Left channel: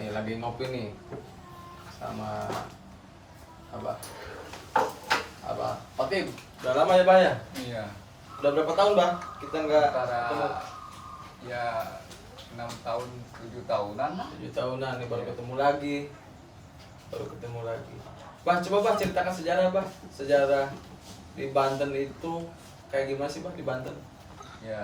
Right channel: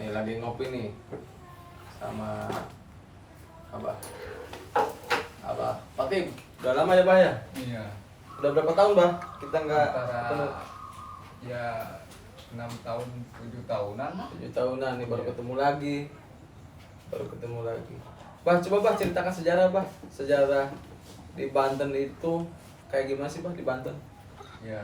Nih lagi ngopi nih sama Abah. Abah, Patim, udah lama ya Bah ya? Iya. Udah berapa tahun Bah kita nggak ketemu? Ya 6 tahun 7 tahunan lah. 7 tahunan nih baru ketemu lagi. Baru ketemu lagi. Bah, coba Bah ceritakan sejarah Bah. Sejarah di Banten itu kayak gimana sih Bah di Banten? Ya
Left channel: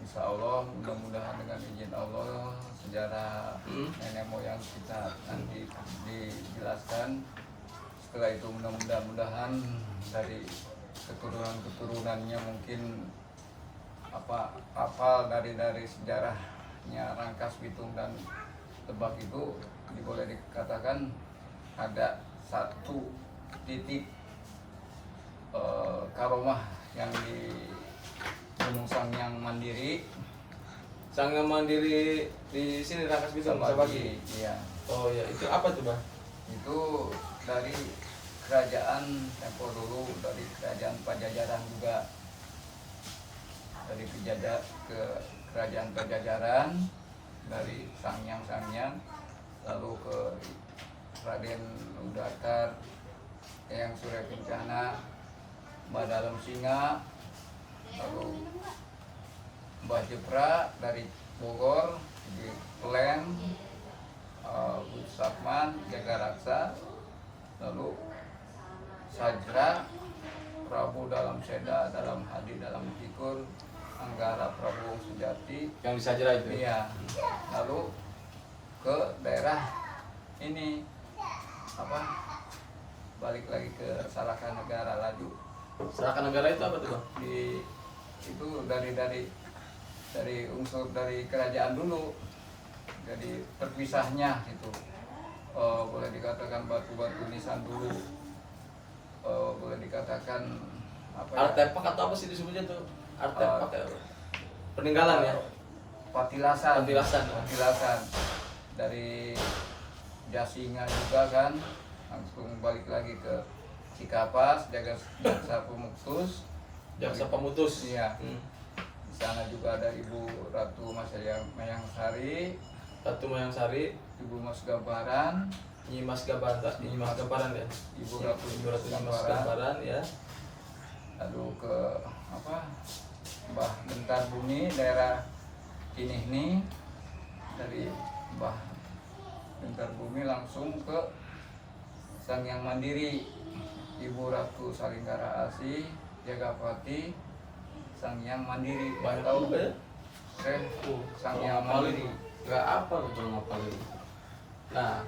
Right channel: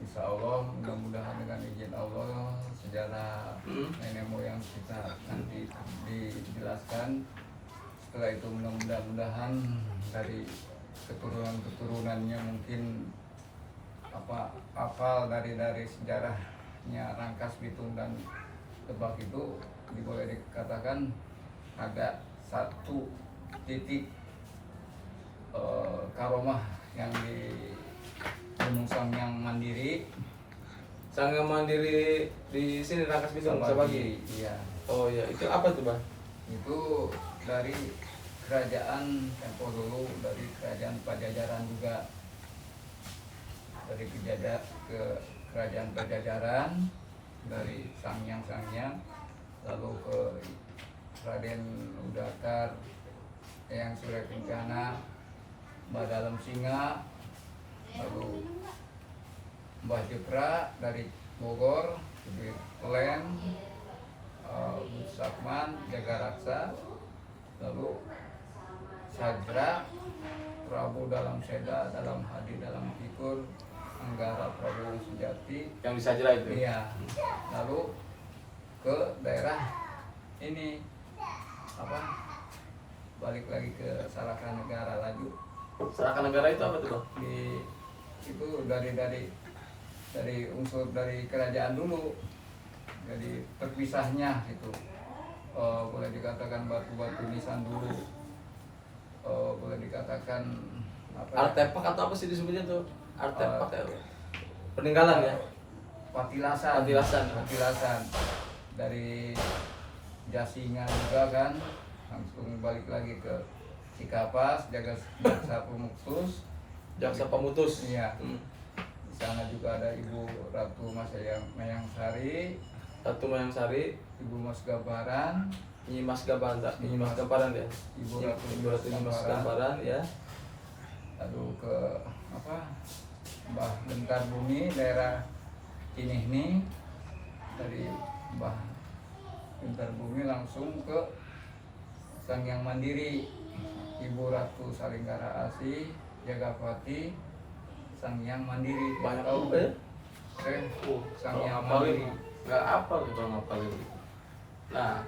insya Allah mudah-mudahan dengan izin Allah sejarah nenek moyang kita nanti dijelaskan. Setelah itu mudah-mudahan dari keturunan-keturunannya mungkin hafal dari sejarahnya Rangkas Bitung dan Lebak itu boleh dikatakan ada satu titik karomah yang di Gunung Sangyang Mandiri. Sangyang Mandiri di sini Rangkas Bitung Sabagi. Iya. Oh iya, itu apa tuh Bah? Itu dari kerajaan tempo dulu, dari kerajaan Pajajaran juga, dari kerajaan Pajajaran, dari Sangyang lalu ke Raden Udakar, Eyang Surya Kencana, Mbah Dalem Singa, lalu Mbah Jepra dari Bogor, di Plen, Bud Sakman, Jagaraksa, lalu Sajra, Prabu Dalam Seda, Dalam Haji, Dalam Fikur, Anggara Prabu Sujati, Yang di Sajra itu? iya. Lalu ke daerah ini balik lagi ke Sarakan Negara lagi. Sarakan Negara itu apa tuh Bang? Itu dari unsur dari kerajaan dulu, jadi terpisahnya itu boleh dikatakan batu-batu nisan dulu, boleh dikatakan Artefak atau apa sih disebutnya tuh? Artefak peninggalan ya? Patilasan dari jasinya juga kan, langsung balik lagi ke Cikapas, Jaksa Pemuktus. Jaksa Pemutus. Iya. Di sana juga ada Ibu Ratu Mayang Sari, Ratu Mayang Sari, Ibu Mas Gabaran, Nyimas Gamparan ya. Ibu Ratu Nyimas Gamparan ya. Lalu ke Mbah Gentar Bumi daerah Cinihni, dari Mbah Gentar Bumi langsung ke Sangyang Mandiri, Ibu Ratu Salinggara Asih, Jagapati, Sangyang Mandiri. Banyak tahu juga ya? Sangyang Ngapalin, Mandiri. nggak apa tuh kalau ngapalin. Nah,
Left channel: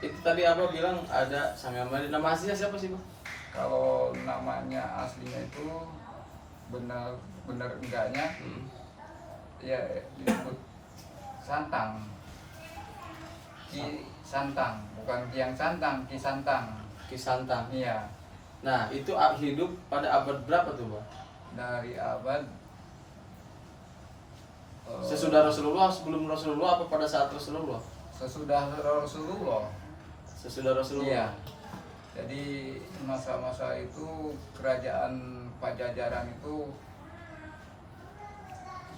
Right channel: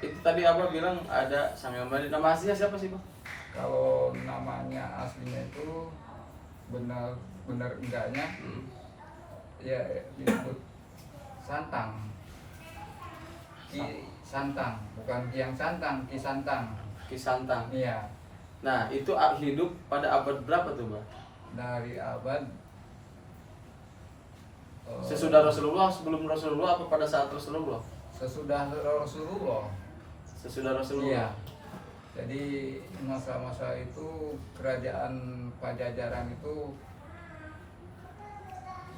itu tadi Abah bilang ada Sangyang Mandiri. Nama aslinya siapa sih Bang? Kalau namanya aslinya itu benar enggaknya ya disebut Santang. Ki Santang, bukan Kiang Santang, Ki Santang. Ki Santang. Iya. Nah, itu hidup pada abad berapa tuh Bang? Dari abad Sesudah Rasulullah, sebelum Rasulullah, apa pada saat Rasulullah? sesudah Rasulullah. Sesudah Rasulullah. Iya. Jadi masa-masa itu kerajaan Pajajaran itu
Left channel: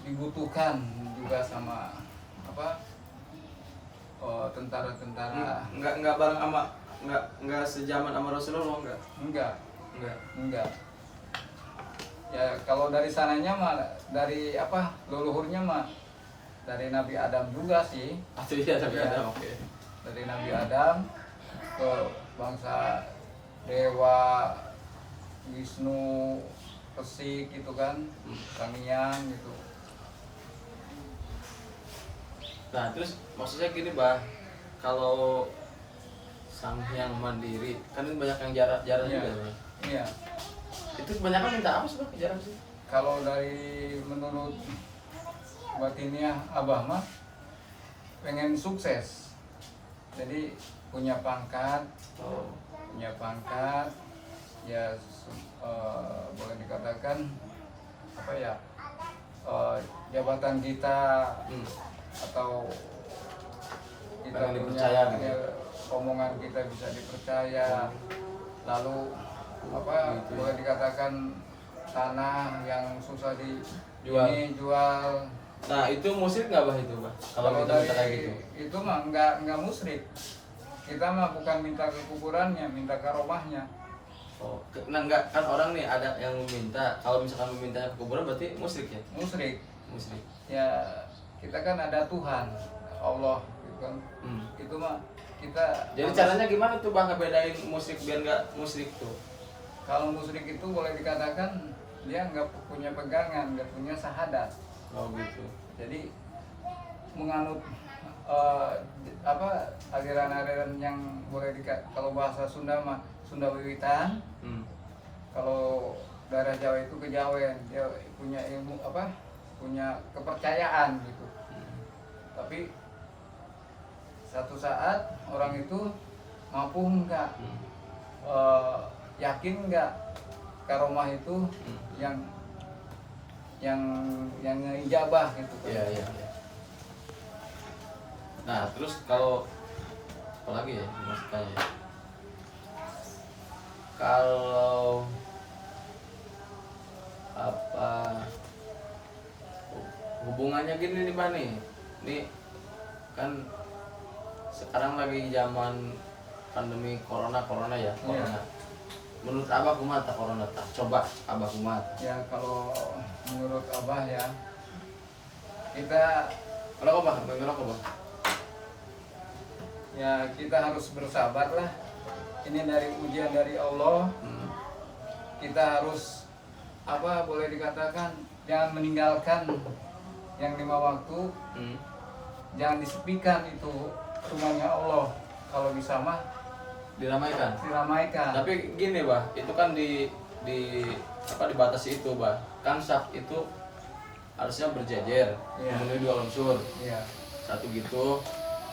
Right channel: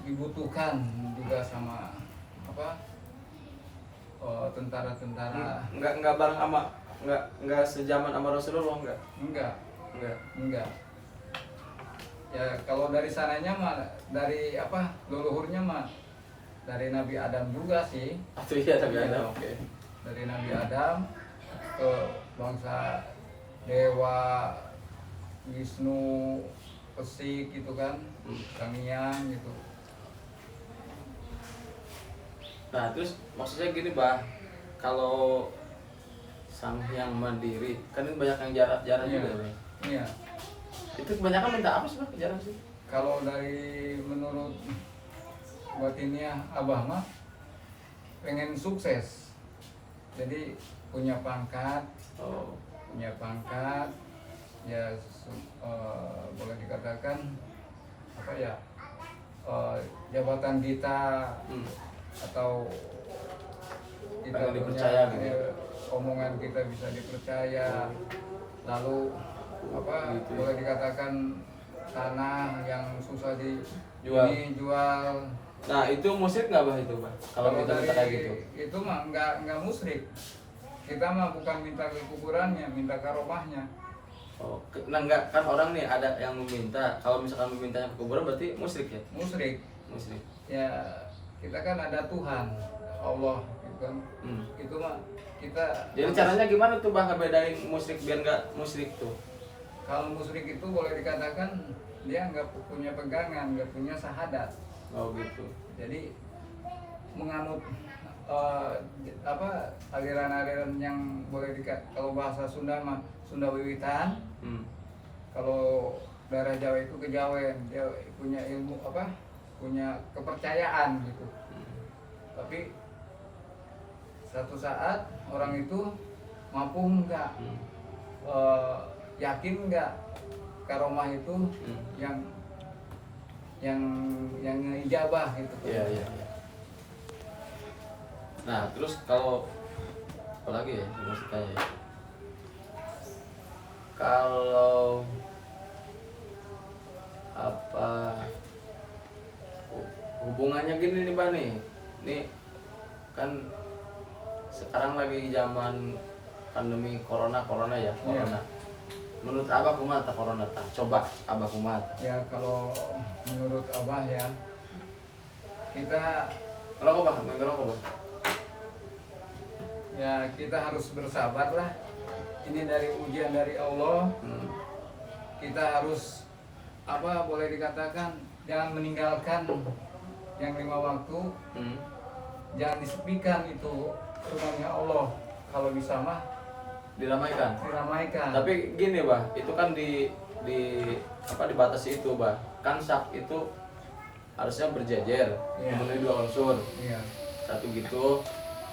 dibutuhkan juga sama tentara-tentara. Enggak bareng sama enggak sejaman sama Rasulullah Enggak. Ya kalau dari sananya mah dari leluhurnya mah dari Nabi Adam juga sih. Iya, Nabi Iya. Adam, oke. Dari Nabi Adam ke bangsa Dewa, Wisnu, Pesik gitu kan, Sangyang gitu. Nah, terus maksudnya gini, Bah. Kalau Sangyang Mandiri, kan ini banyak yang jarang Iya. juga, Bang. Iya. Itu kebanyakan minta apa sih, Bang? Jarang sih. Kalau dari menurut batinnya Abah mah pengen sukses. Jadi punya pangkat, ya boleh dikatakan jabatan kita atau kita Pengen punya, dipercaya gitu. omongan kita bisa dipercaya. Lalu Gitu. boleh dikatakan tanah yang susah Jual. jual Nah itu musyrik nggak bah itu bah? Kalau kita minta kayak gitu. Itu mah nggak musyrik. Kita mah bukan minta ke kuburannya, minta ke arwahnya. Oh, nah enggak kan orang nih ada yang meminta. Kalau misalkan meminta ke kuburan berarti musyrik ya? Musyrik. Musyrik. Ya kita kan ada Tuhan, Allah, gitu kan. Itu mah kita. Jadi caranya gimana tuh bang ngebedain musyrik biar nggak musyrik tuh? Kalau musyrik itu boleh dikatakan dia nggak punya pegangan, nggak punya syahadat. Oh gitu. Jadi menganut aliran-aliran yang boleh kalau bahasa Sunda mah Sunda Wiwitan. Kalau daerah Jawa itu kejawen, dia punya ilmu punya kepercayaan gitu. Tapi satu saat orang itu mampu enggak, yakin enggak karomah itu yang ijabah gitu. Iya. Nah terus kalau apalagi ya maksudnya ya? Kalau apa hubungannya gini nih Pak nih kan sekarang lagi zaman pandemi corona ya corona. Menurut abah kumaha corona tak? Coba abah kumaha? Ya kalau menurut abah ya kita Kalau abah, bang. Ya kita harus bersabar lah. Ini dari ujian dari Allah. Kita harus boleh dikatakan jangan meninggalkan yang 5 waktu. Jangan disepikan itu rumahnya Allah. Kalau bisa mah Diramaikan. Tapi gini bah, itu kan dibatasi itu bah. Kan saf itu harusnya berjejer, memenuhi 2 unsur. Iya. Satu gitu.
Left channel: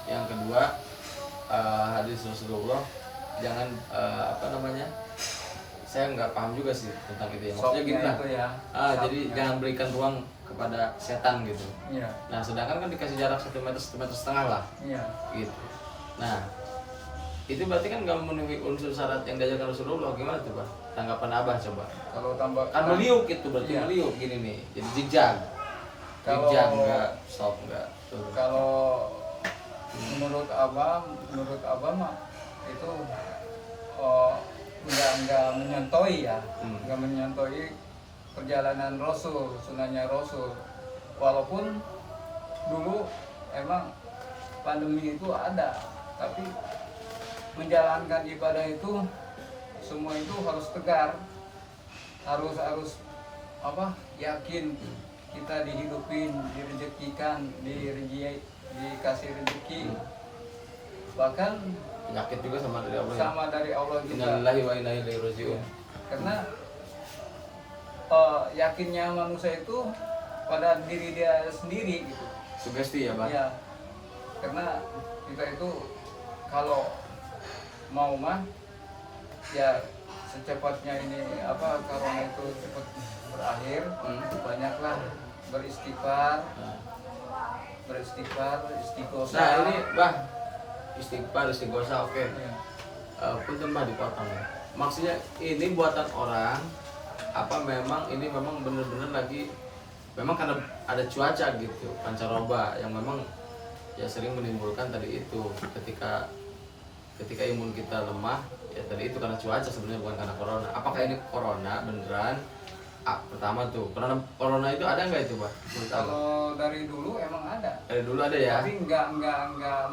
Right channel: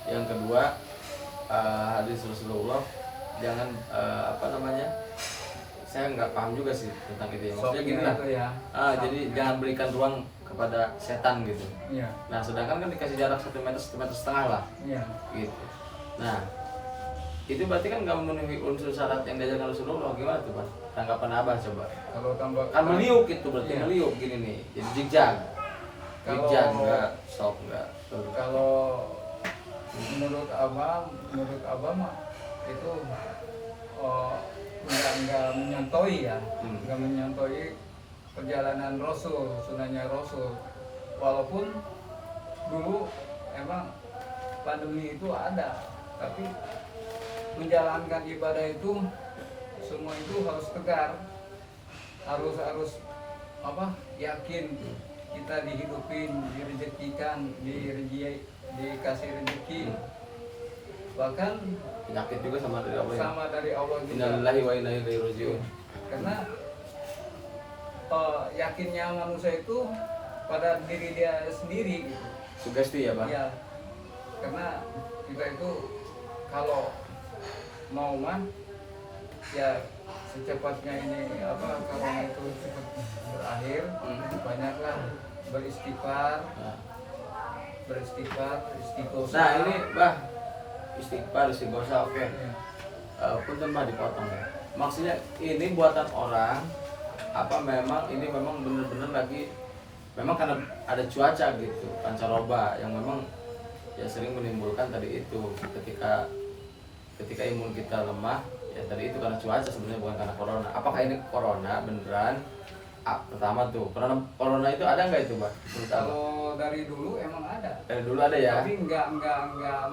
Yang kedua hadis Rasulullah jangan saya nggak paham juga sih tentang itu ya. Maksudnya gini lah. Jadi jangan berikan ruang kepada setan gitu. Iya. Nah sedangkan kan dikasih jarak 1 meter, 1,5 meter lah. Iya. Gitu. Nah itu berarti kan nggak memenuhi unsur syarat yang diajarkan Rasulullah. Gimana tuh Pak? Tanggapan abah coba. Kalau tambah Kan meliuk itu berarti iya. meliuk gini nih. Jadi zigzag. Zigzag enggak stop enggak. Kalau menurut abah mah itu nggak menyantoi ya, nggak menyantoi perjalanan Rasul, sunnahnya Rasul. Walaupun dulu emang pandemi itu ada, tapi menjalankan ibadah itu semua itu harus tegar, harus yakin kita dihidupin, direzekikan, dikasih rezeki. Bahkan penyakit juga sama dari Allah. Sama dari Allah juga. Innalillahi wa inna ilaihi rajiun. Karena yakinnya manusia itu pada diri dia sendiri gitu. Sugesti ya, Bang? Ya. Karena kita itu kalau mau mah ya secepatnya ini corona itu cepat berakhir, banyaklah beristighfar, istighosah. Nah ini bah istighosah oke. Ya. Punten bah dipotong ya. Maksudnya ini buatan orang apa memang ini memang benar-benar lagi memang karena ada cuaca gitu pancaroba yang memang ya sering menimbulkan tadi itu ketika imun kita lemah ya tadi itu karena cuaca sebenarnya bukan karena corona. Apakah ini corona beneran? Pertama tuh corona itu ada nggak itu bah? Kalau dari dulu emang ada. Dari dulu ada ya. Tapi nggak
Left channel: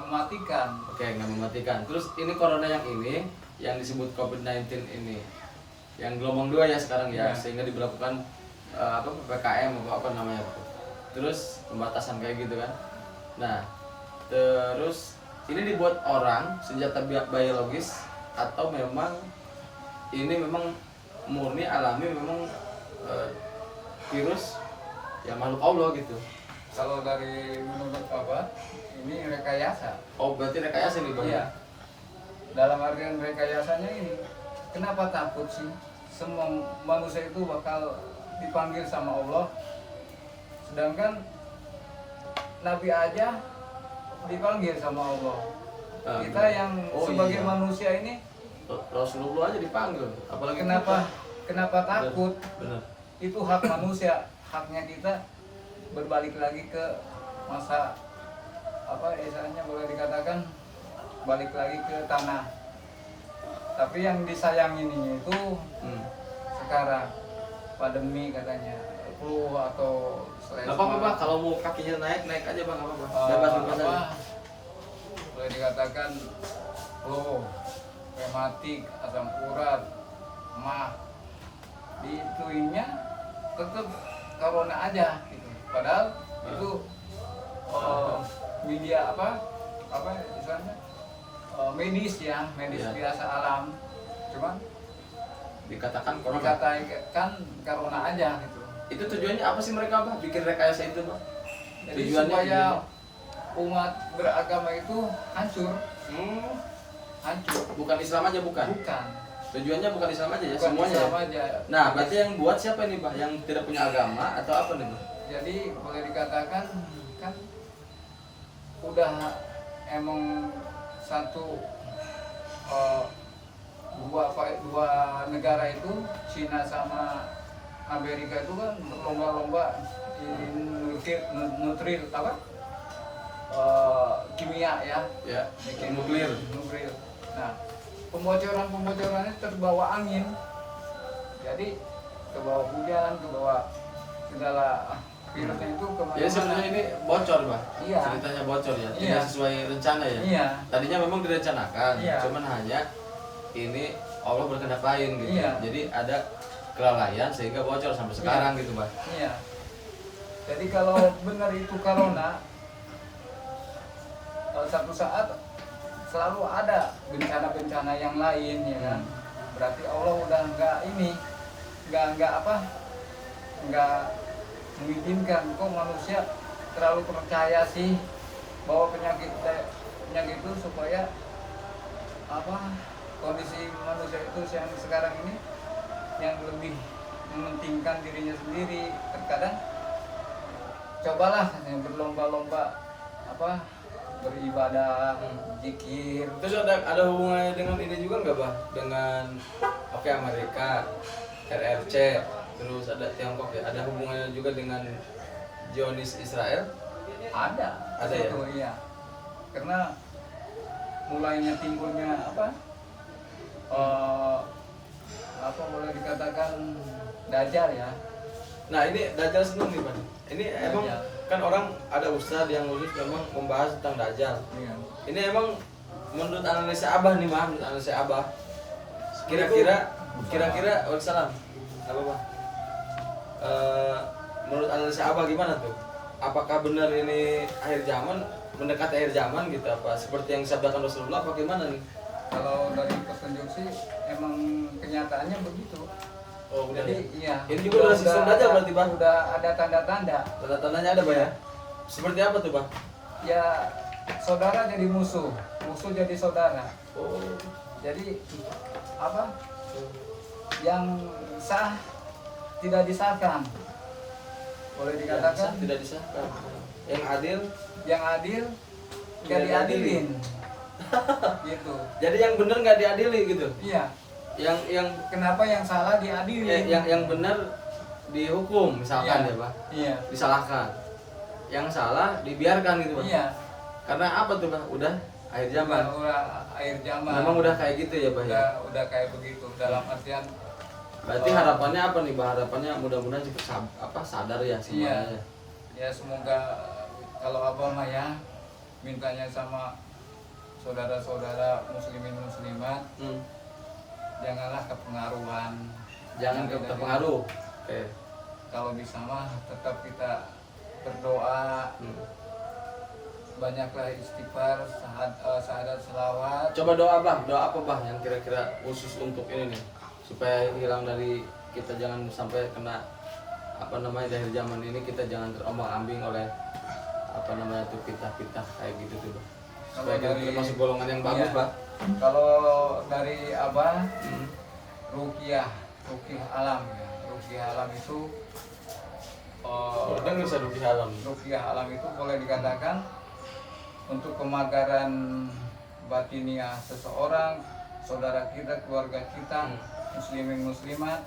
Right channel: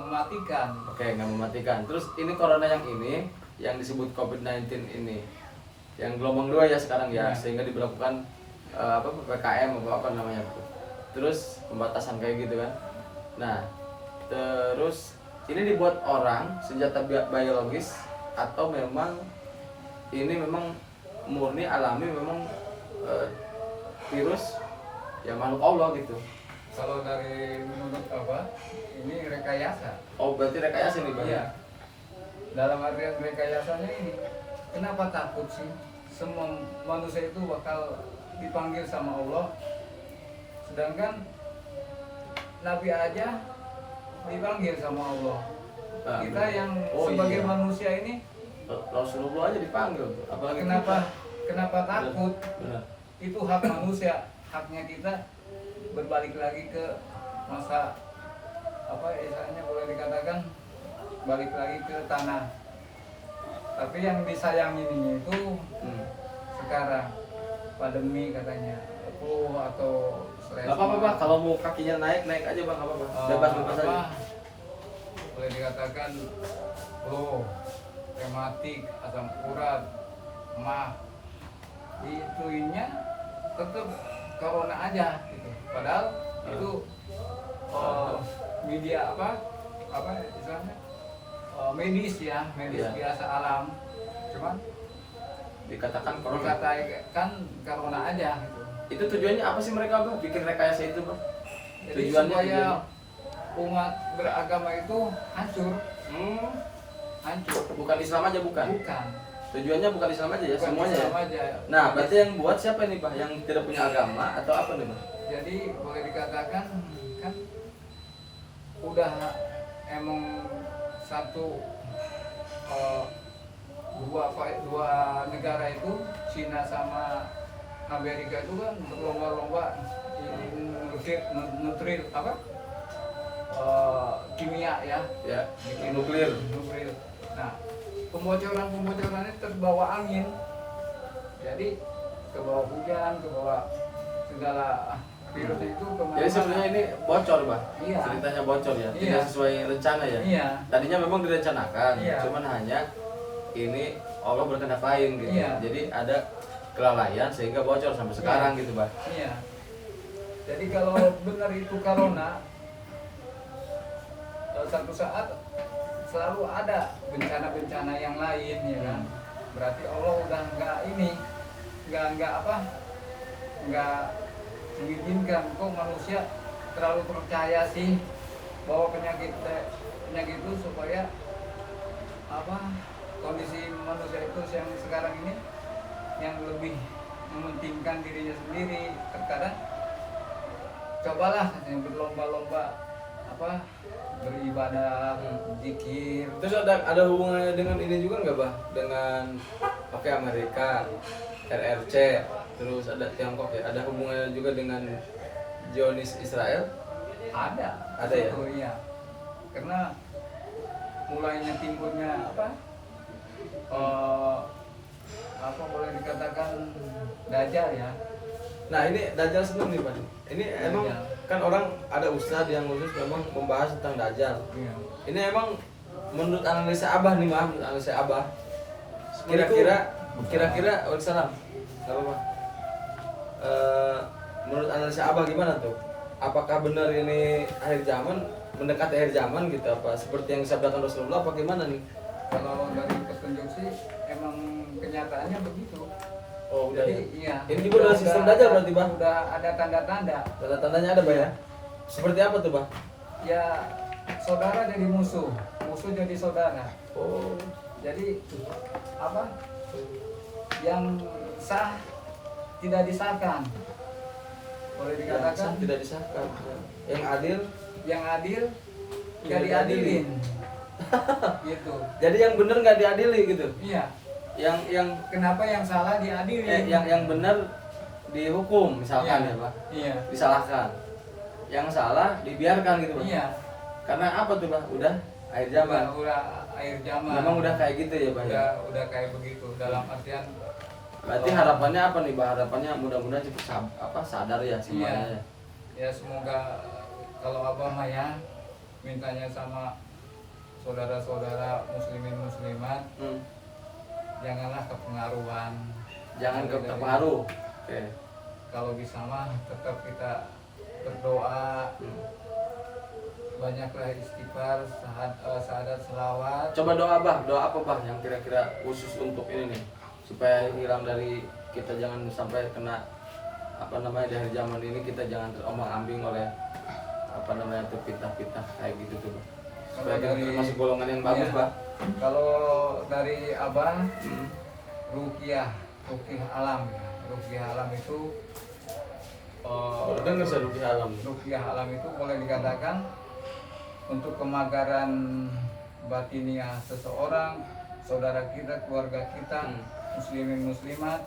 mematikan. Oke, nggak mematikan. Terus ini corona yang ini yang disebut COVID-19 ini yang gelombang 2 ya sekarang ya, sehingga diberlakukan PPKM apa namanya tuh. Terus pembatasan kayak gitu kan. Nah, terus ini dibuat orang senjata biologis atau memang ini memang murni alami memang virus ya makhluk Allah gitu. Kalau dari menurut ini rekayasa. Oh berarti rekayasa nih Bang? Iya. Dalam artian rekayasanya ini, kenapa takut sih? Semua manusia itu bakal dipanggil sama Allah. Sedangkan Nabi aja dipanggil sama Allah. Kita yang sebagai manusia ini Rasulullah aja dipanggil. Apalagi kenapa takut? Benar. Itu hak manusia, haknya kita berbalik lagi ke masa apa istilahnya boleh dikatakan balik lagi ke tanah. Tapi yang disayangin ini itu sekarang pandemi katanya flu atau Nggak apa-apa Bah, kalau mau kakinya naik aja Bang, nggak apa-apa. Bebas aja. Boleh dikatakan flu, rematik, asam urat, mah, diituinnya tetap corona aja gitu. Padahal itu media apa istilahnya medis ya, medis Iya. biasa alam. Cuman Dikatakan corona. dikatakan corona aja gitu. Itu tujuannya apa sih mereka Bah? Bikin rekayasa itu Bah? Jadi Tujuannya supaya umat beragama itu hancur, hancur. Bukan Islam aja bukan? Bukan. Tujuannya bukan Islam aja ya, Bukan semuanya Islam ya? aja. Nah, berarti yang buat siapa nih Bah? Yang tidak punya agama atau apa nih Bah? Jadi boleh dikatakan kan udah emang satu dua negara itu Cina sama Amerika itu kan berlomba-lomba nutril apa kimia ya, Ya, bikin nuklir. nuklir. Nah, pembocorannya terbawa angin, jadi ke bawah hujan, ke bawah segala virus itu kemana-mana. Jadi sebenarnya ini bocor Bah? Iya. Ceritanya bocor ya? Iya. Tidak sesuai rencana ya? Iya. Tadinya memang direncanakan, Iya. cuman hanya ini Allah berkehendak lain gitu. Iya. Jadi ada kelalaian sehingga bocor sampai sekarang gitu Bah. Iya. Jadi kalau benar itu corona, satu saat selalu ada bencana-bencana yang lain ya kan. Berarti Allah udah nggak mengizinkan. Kok manusia terlalu percaya sih bahwa penyakit itu supaya apa kondisi manusia itu yang sekarang ini yang lebih mementingkan dirinya sendiri. Terkadang cobalah katanya berlomba-lomba apa beribadah, zikir. Terus ada hubungannya dengan ini juga nggak Bah? Dengan Amerika, RRC, terus ada Tiongkok ya? Ada hubungannya juga dengan Zionis Israel? Ada ya? itu, iya. Karena mulainya timbulnya apa boleh dikatakan Dajjal ya. Nah ini Dajjal seneng nih Pak. Ini emang Dajjal. kan orang ada ustadz yang khusus memang membahas tentang Dajjal. Iya. Ini emang menurut analisa Abah nih Mah, menurut analisa Abah. Kira-kira Waalaikumsalam. Gak apa-apa. Menurut analisa Abah gimana tuh? Apakah benar ini akhir zaman, mendekati akhir zaman gitu apa? Seperti yang disabdakan Rasulullah apa gimana nih? Kalau dari petunjuk sih emang kenyataannya begitu. Oh udah ya? Iya. Ini juga udah sistem Dajjal berarti Bang? Udah ada tanda-tanda. Tanda-tandanya ada Bang ya? Seperti apa tuh Bang? Ya saudara jadi musuh, musuh jadi saudara. Oh. Jadi apa? Yang sah tidak disahkan. Boleh Yang dikatakan sah tidak disahkan. Yang adil yang adil Tidak nggak diadilin. Gitu. jadi yang benar nggak diadili gitu. Iya. Yang Kenapa yang salah diadilin? yang benar dihukum misalkan Iya. ya Pak. Iya. Disalahkan. Yang salah dibiarkan gitu Pak. Iya. Karena apa tuh Pak? Udah akhir zaman. Udah akhir zaman. Memang udah kayak gitu ya Pak ya. Udah kayak begitu dalam artian Berarti harapannya apa nih Pak? Harapannya mudah-mudahan cepat sadar ya semuanya. iya. Ya semoga kalau Abah mah ya mintanya sama saudara-saudara muslimin muslimat janganlah kepengaruhan. Jangan Jadi, terpengaruh. Oke. kalau bisa mah tetap kita berdoa, banyaklah istighfar, syahadat, selawat. Coba doa apa Bah yang kira-kira khusus untuk ini nih supaya hilang dari kita jangan sampai kena apa namanya di akhir zaman ini kita jangan terombang-ambing oleh apa namanya tuh fitnah-fitnah kayak gitu tuh Bah. Supaya kita termasuk golongan yang bagus iya. Bah. Kalau dari Abah ruqyah alam ya. Ruqyah alam itu Udah nggak usah rugi alam. ruqyah alam itu boleh dikatakan untuk kemagaran batiniah seseorang, saudara kita, keluarga kita, muslimin muslimat,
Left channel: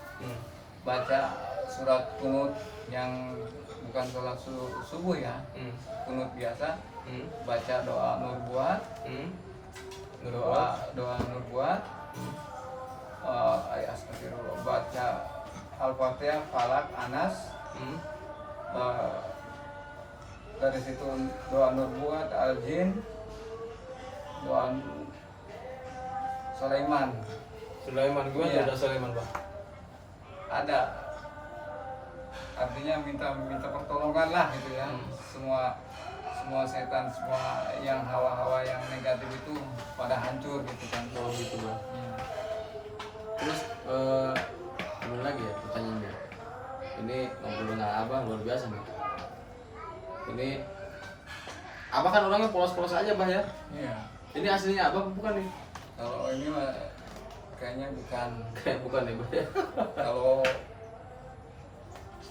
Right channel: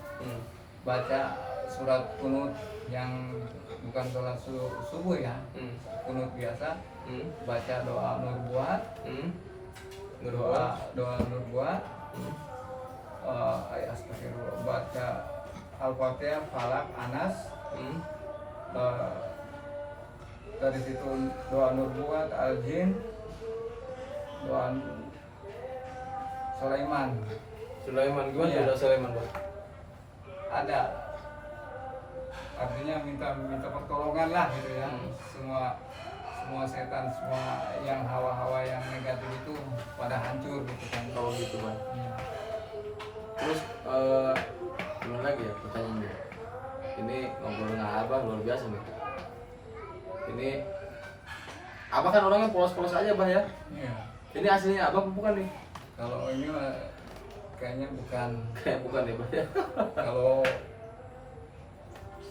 baca surat kunut yang bukan sholat subuh ya, kunut biasa, baca doa nubuat, doa nubuat, ayat astagfirullah, baca al-fatihah, falak, anas, dari situ doa nubuat, al-jin, doa Sulaiman. Sulaiman gimana Iya. ada Sulaiman, Bang? Ada, artinya minta pertolongan lah gitu ya. Semua setan, semua yang hawa-hawa yang negatif itu pada hancur gitu kan. Oh gitu, Bang. Terus gimana lagi ya pertanyaannya? Ini ngobrol dengan Abang luar biasa nih. Ini Abang kan orangnya polos-polos aja, Bah ya. Iya. Ini aslinya Abang bukan nih? Kalau ini mah kayaknya bukan. Kayak bukan ya, Bah ya. Kalau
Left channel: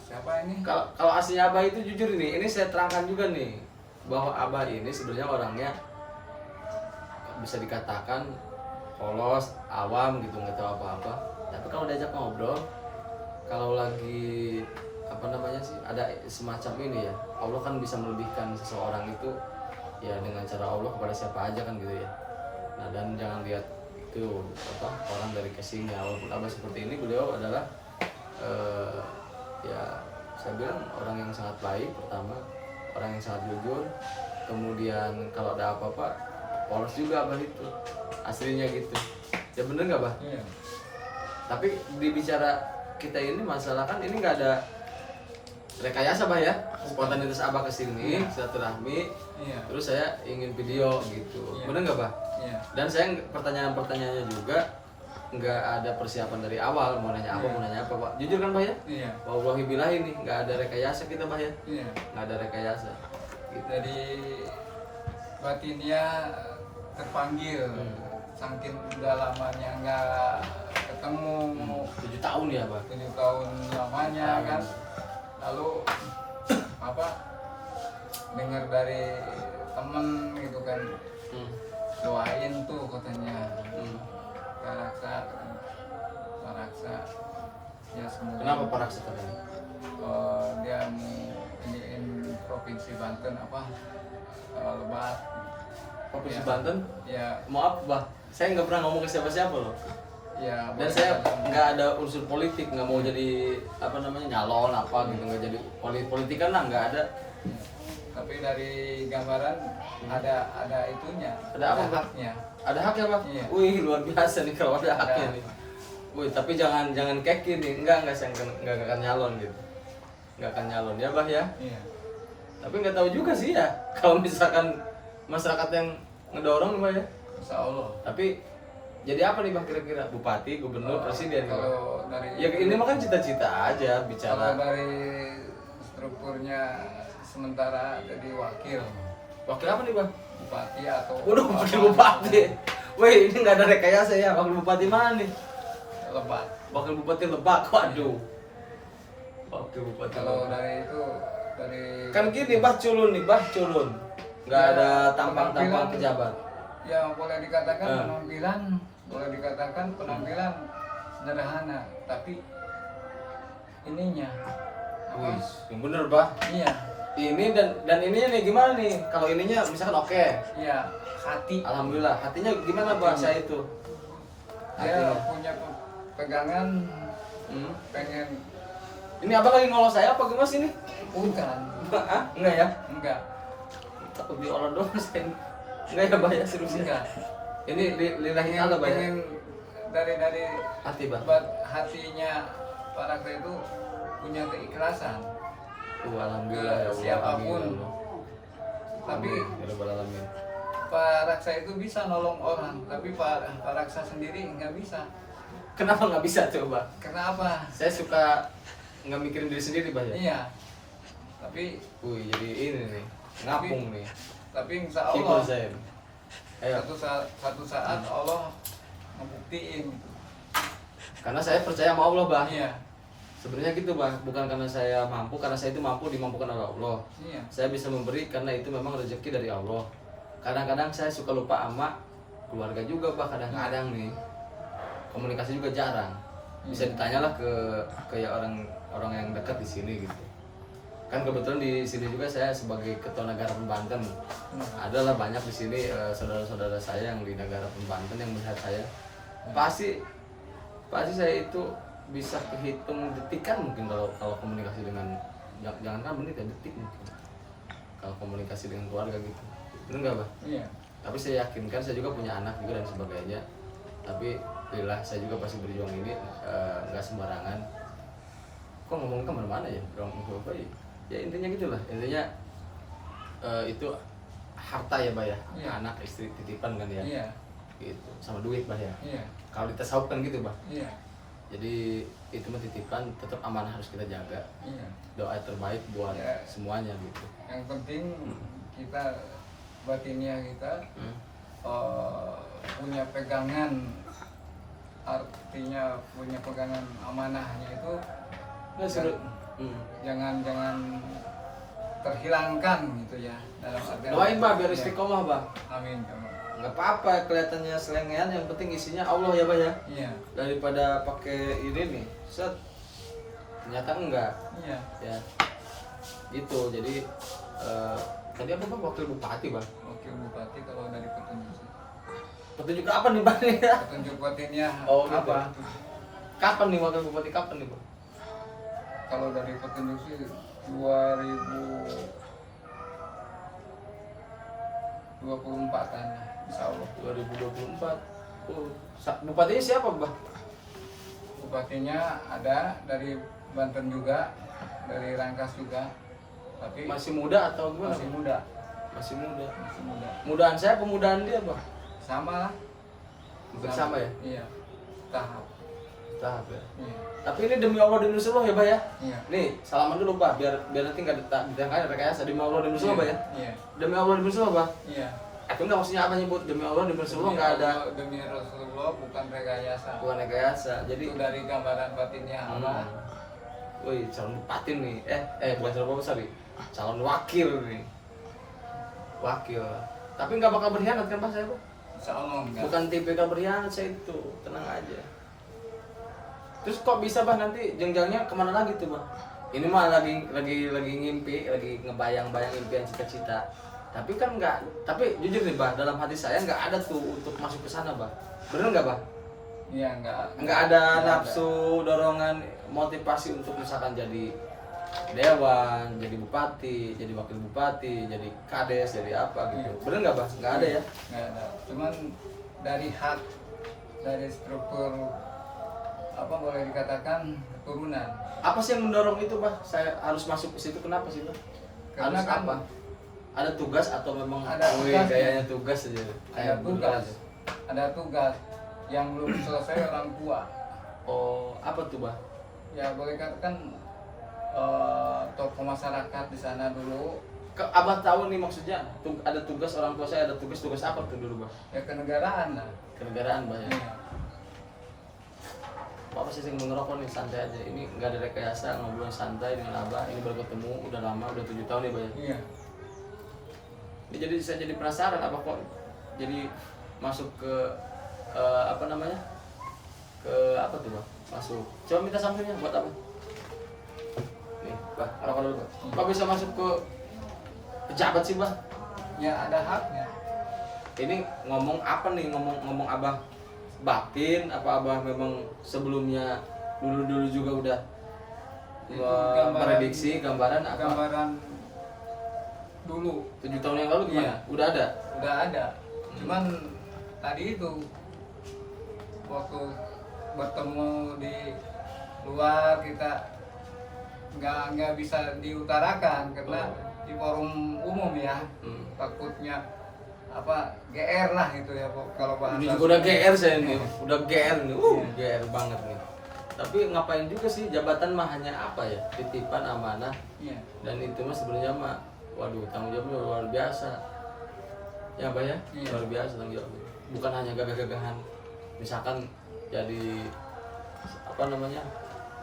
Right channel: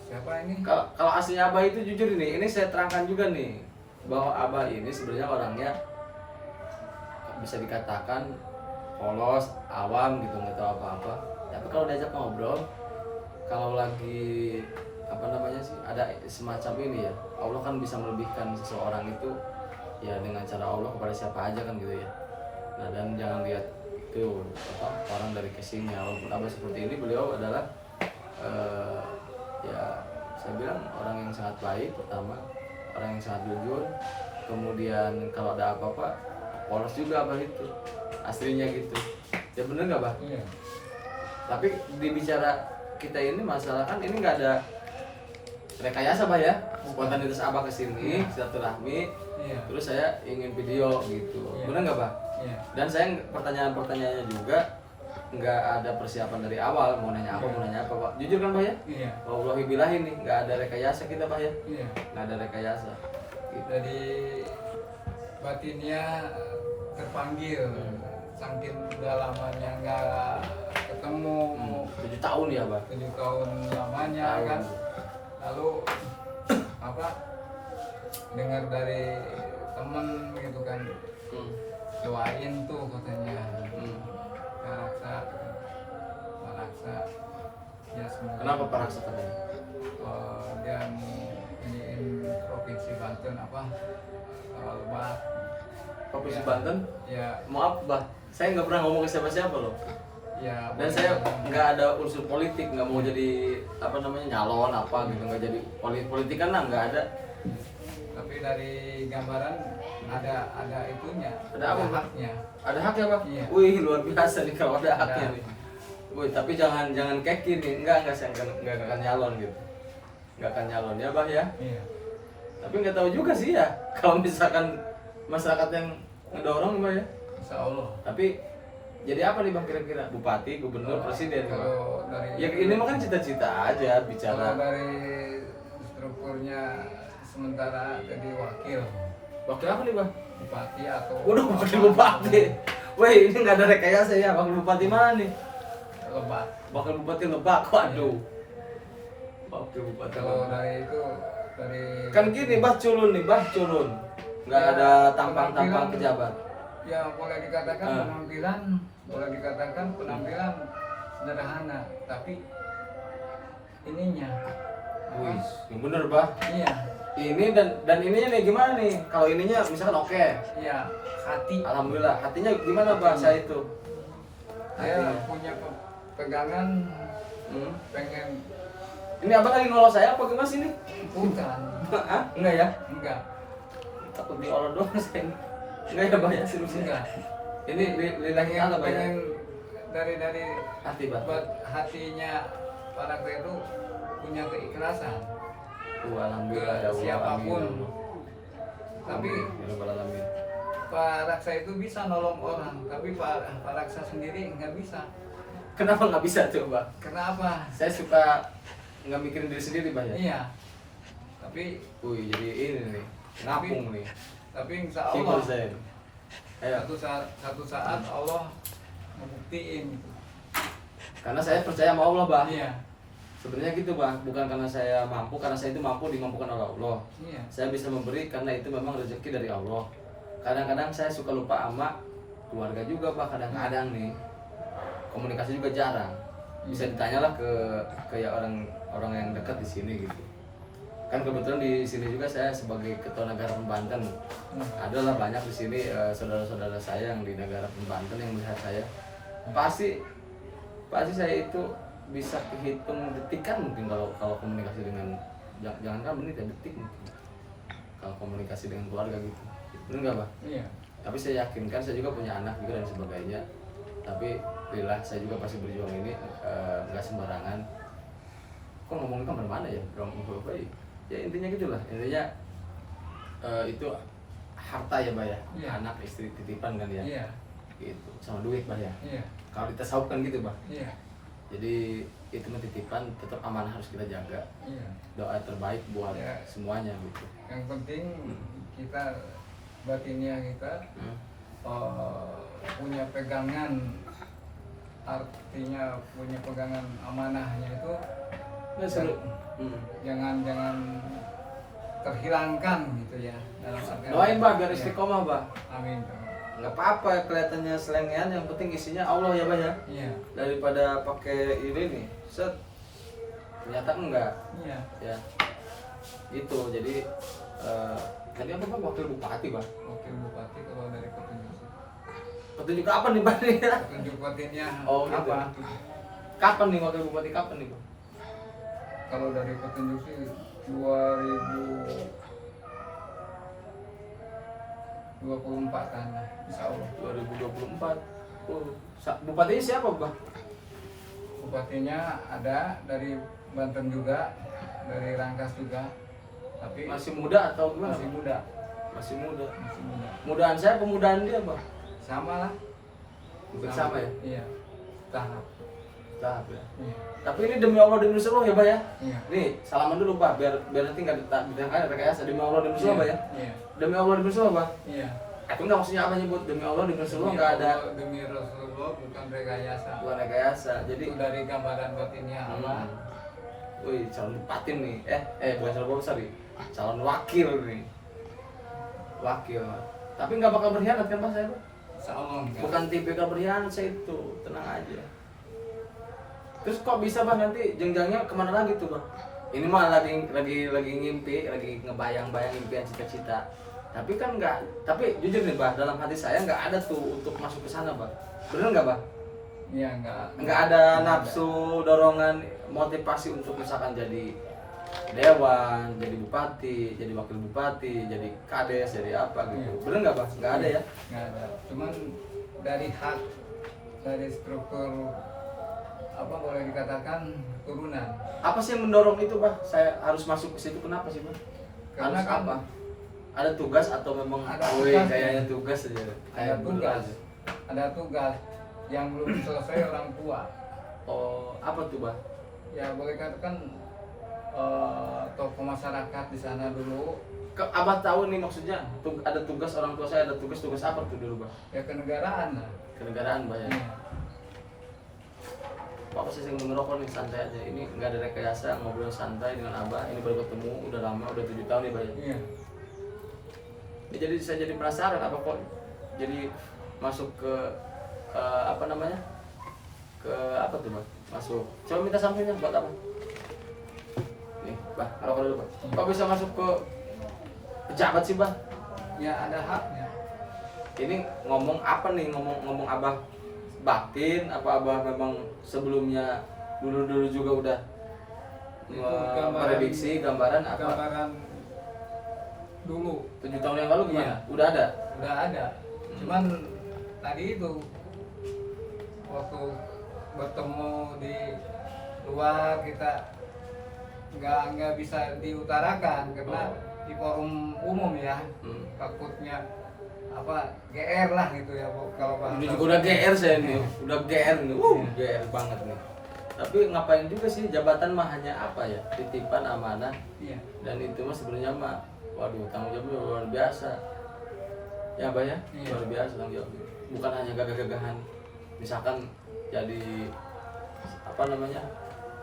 siapa ini? Kalau aslinya Abah itu jujur ini saya terangkan juga nih bahwa Abah ini sebenarnya orangnya bisa dikatakan polos, awam gitu, nggak tahu apa-apa. Tapi kalau diajak ngobrol, kalau lagi apa namanya sih ada semacam ini ya, Allah kan bisa melebihkan seseorang itu ya dengan cara Allah kepada siapa aja kan gitu ya. Nah dan jangan lihat itu apa orang dari casingnya, walaupun Abah seperti ini, beliau adalah ya saya bilang orang yang sangat baik pertama, orang yang sangat jujur, kemudian kalau ada apa-apa polos juga Abah itu aslinya gitu ya, bener nggak Bah? Iya. Tapi dibicara kita ini masalah kan ini nggak ada rekayasa Bah ya, spontanitas Abah kesini silaturahmi, terus saya ingin video gitu, bener nggak Bah? Iya. Dan saya pertanyaannya juga nggak ada persiapan dari awal, mau nanya apa mau nanya apa Pak, jujur kan Bah ya? Iya. Wallahi billahi nih nggak ada rekayasa kita Bah ya, Iya. nggak ada rekayasa gitu. Jadi batinnya terpanggil, saking udah lamanya nggak ketemu, 7 tahun ya Bah. 7 tahun lamanya kan. Lalu apa dengar dari temen gitu kan, doain tuh katanya Paraksa ya semoga. Kenapa Pak Raksa tadi? Dia mau iniin provinsi Banten apa, Lebak. Provinsi Ya. Banten? Ya. Maaf Bah, saya nggak pernah ngomong ke siapa-siapa loh. Ya, Dan saya nggak ada unsur politik, nggak mau jadi apa namanya nyalon apa gitu, nggak jadi politik kan nggak ada. tapi dari gambaran ada itunya, Ada apa, Bang? haknya. Ada haknya Bang? Iya. Wih luar biasa nih kalau ada haknya Ada. nih. Wih tapi jangan keki nih, enggak saya nggak akan nyalon gitu, nggak akan nyalon ya Bah ya. Iya. Tapi nggak tahu juga sih ya kalau misalkan masyarakat yang ngedorong Bah ya. Insya Allah. Tapi jadi apa nih Bang kira-kira? Bupati, gubernur, presiden nih Bang? Kalau dari Ya ini mah kan cita-cita aja kalau bicara. dari strukturnya sementara jadi wakil Wakil apa nih Bang? bupati atau Waduh, wakil bupati. Wih, ini nggak ada rekayasa ya. Wakil bupati mana nih? Lebak. Wakil bupati Lebak. Waduh. Wakil bupati Kalau Lebak. dari itu dari Kan gini, Bah culun nih, Bah culun. Nggak Ya, ada tampang-tampang penampilan. pejabat. ya boleh dikatakan Hmm. penampilan sederhana, tapi ininya apa? Wih, yang bener Bah. Iya, Ini dan ininya nih gimana nih? Kalau ininya misalkan oke. iya, hati. Alhamdulillah. Hatinya gimana bahasa itu? Saya Hatinya. punya pegangan Hmm. pengen Ini abang lagi ngolos saya apa gimana sih ini? bukan, Hah? Enggak ya? enggak, Takut diolah doang saya. Enggak ya Bah ya seriusnya. enggak. Ini lillahi ta'ala Bah ya. Pengen dari Hati Bah. buat hatinya para itu punya keikhlasan. Alhamdulillah ya Allah. Siapapun. Amin, ya Allah. Tapi Amin, ya Rabbal alamin. Pak Raksa itu bisa nolong orang, tapi Pak Raksa sendiri nggak bisa. Kenapa nggak bisa tuh Bah? Kenapa? Saya suka nggak mikirin diri sendiri Bah ya. Iya. Tapi Wih jadi ini nih ngapung nih. insya Keyboard Allah saya. Ayo. satu saat Allah ngebuktiin. Karena saya percaya sama Allah Bah. Iya. Sebenarnya gitu Bah, bukan karena saya mampu, karena saya itu mampu dimampukan oleh Allah. Iya. Saya bisa memberi karena itu memang rezeki dari Allah. Kadang-kadang saya suka lupa sama keluarga juga Bah, kadang-kadang nih. Komunikasi juga jarang. bisa ditanyalah ke ya orang yang dekat di sini gitu. Kan kebetulan di sini juga saya sebagai ketua negara Banten, adalah banyak di sini saudara-saudara saya yang di negara Banten yang melihat saya, pasti saya itu bisa kehitung detikan mungkin kalau komunikasi dengan, jangan kan menit ya, detik mungkin kalau komunikasi dengan keluarga gitu, benar nggak Bah? Iya. Tapi saya yakin kan saya juga punya anak juga dan sebagainya, tapi alhamdulillah saya juga pasti berjuang ini nggak sembarangan. Kok ngomongin kemana-mana ya, berapa ya intinya gitulah, intinya itu harta ya Bah ya, Iya. anak istri titipan kan ya, Iya. gitu sama duit Bah ya, Iya. kalau ditasawuf kan gitu Bah. Iya. Jadi itu mah titipan, tetap amanah harus kita jaga. Iya. Doa terbaik buat Ya. semuanya gitu. Yang penting kita batinnya kita punya pegangan, artinya punya pegangan amanahnya itu Nah, seru. jangan terhilangkan gitu ya, dalam artian Doain Bah biar ya. istiqomah Bah. Amin. Nggak apa-apa kelihatannya selengean, yang penting isinya Allah ya Bah ya. Iya. Daripada pakai ini nih, set ternyata enggak. Iya. Ya. Itu jadi tadi apa Bah, wakil bupati Bah. Wakil bupati kalau dari petunjuk. Petunjuk apa nih Bah nih ya? Petunjuk batinnya Oh, gitu. apa? Kapan nih wakil bupati, kapan nih Bah? Kalau dari petunjuk sih 2024-an lah, insya Allah. 2024. Bupatinya siapa Bah? Bupatinya ada dari Banten juga, dari Rangkas juga, tapi Masih muda atau gimana? masih muda, Masih muda. masih muda. Mudaan saya, pemudaan dia Bah. Sama lah. Mungkin sama ya? Iya. Tahap. Tahap ya. Iya. Tapi ini demi Allah demi Rasulullah ya Bah ya. Iya. Nih, salaman dulu Bah, biar nanti nggak ditangkap rekayasa. Demi Allah demi Rasulullah Bah ya. Iya. Demi Allah demi Rasulullah Bah. Iya. Itu nggak maksudnya apa nyebut demi Allah demi Rasulullah, nggak ada. Demi Rasulullah bukan rekayasa. Bukan rekayasa. Jadi Itu dari gambaran batinnya Allah. Wih, calon bupati nih. Bukan calon bupati, sorry. Calon wakil nih. Wakil. Tapi nggak bakal berkhianat kan Bah saya Bah? Insya Allah enggak. Bukan tipikal berkhianat saya itu, tenang aja. Terus kok bisa Bah nanti jenjangnya kemana lagi tuh Bah? Ini mah lagi ngimpi, lagi ngebayang-bayang impian cita-cita. Tapi kan nggak, tapi jujur nih Bah, dalam hati saya nggak ada tuh untuk masuk ke sana Bah. Bener nggak Bah? Iya, enggak. Nggak ada nafsu, dorongan, motivasi untuk misalkan jadi dewan, jadi bupati, jadi wakil bupati, jadi kades, jadi apa gitu. Bener nggak Bah? Nggak ada ya? Nggak ada. Cuman dari hak, dari struktur apa boleh dikatakan keturunan. Apa sih yang mendorong itu Bah? Saya harus masuk ke situ, kenapa sih Bah? Karena Harus kan apa? Ada tugas atau memang ada wih, tugas, kayaknya tugas aja? ada Kayak bener tugas, aja. ada tugas yang belum selesai orang tua. Oh, apa tuh Bah? Ya boleh katakan tokoh masyarakat di sana dulu. Abah tahu nih maksudnya ada tugas orang tua saya, ada tugas apa tuh dulu Bah? Ya kenegaraan lah. Kenegaraan Bah ya. Iya. Apa sih yang ngerokok nih, santai aja. Ini nggak ada rekayasa, ngobrol santai dengan Abah. Ini baru ketemu, udah lama, udah 7 tahun nih Bah ya. Iya. Ini jadi saya jadi penasaran apa kok jadi masuk ke apa namanya? Ke apa tuh Bah? Masuk. Coba minta sampulnya buat apa? Nih, Bah, ngerokok dulu Bah. Kok bisa masuk ke pejabat sih Bah? Ya ada haknya. Ini ngomong apa nih, ngomong Abah batin apa Abah memang sebelumnya dulu juga udah Itu gambaran- prediksi gambaran apa Gambaran dulu 7 tahun yang lalu gimana? Iya. Udah ada? udah ada. Cuman tadi itu waktu bertemu di luar kita nggak bisa diutarakan karena di forum umum ya. Takutnya apa GR lah gitu ya kalau bahasa. Ini juga udah GR saya nih, Iya. udah GR nih, Iya. GR banget nih. Tapi ngapain juga sih, jabatan mah hanya apa ya, titipan amanah, Iya. dan itu mah sebenarnya mah, waduh tanggung jawabnya luar biasa. Ya Bah ya, Iya. luar biasa tanggung jawabnya. Bukan hanya gagah-gagahan, misalkan jadi apa namanya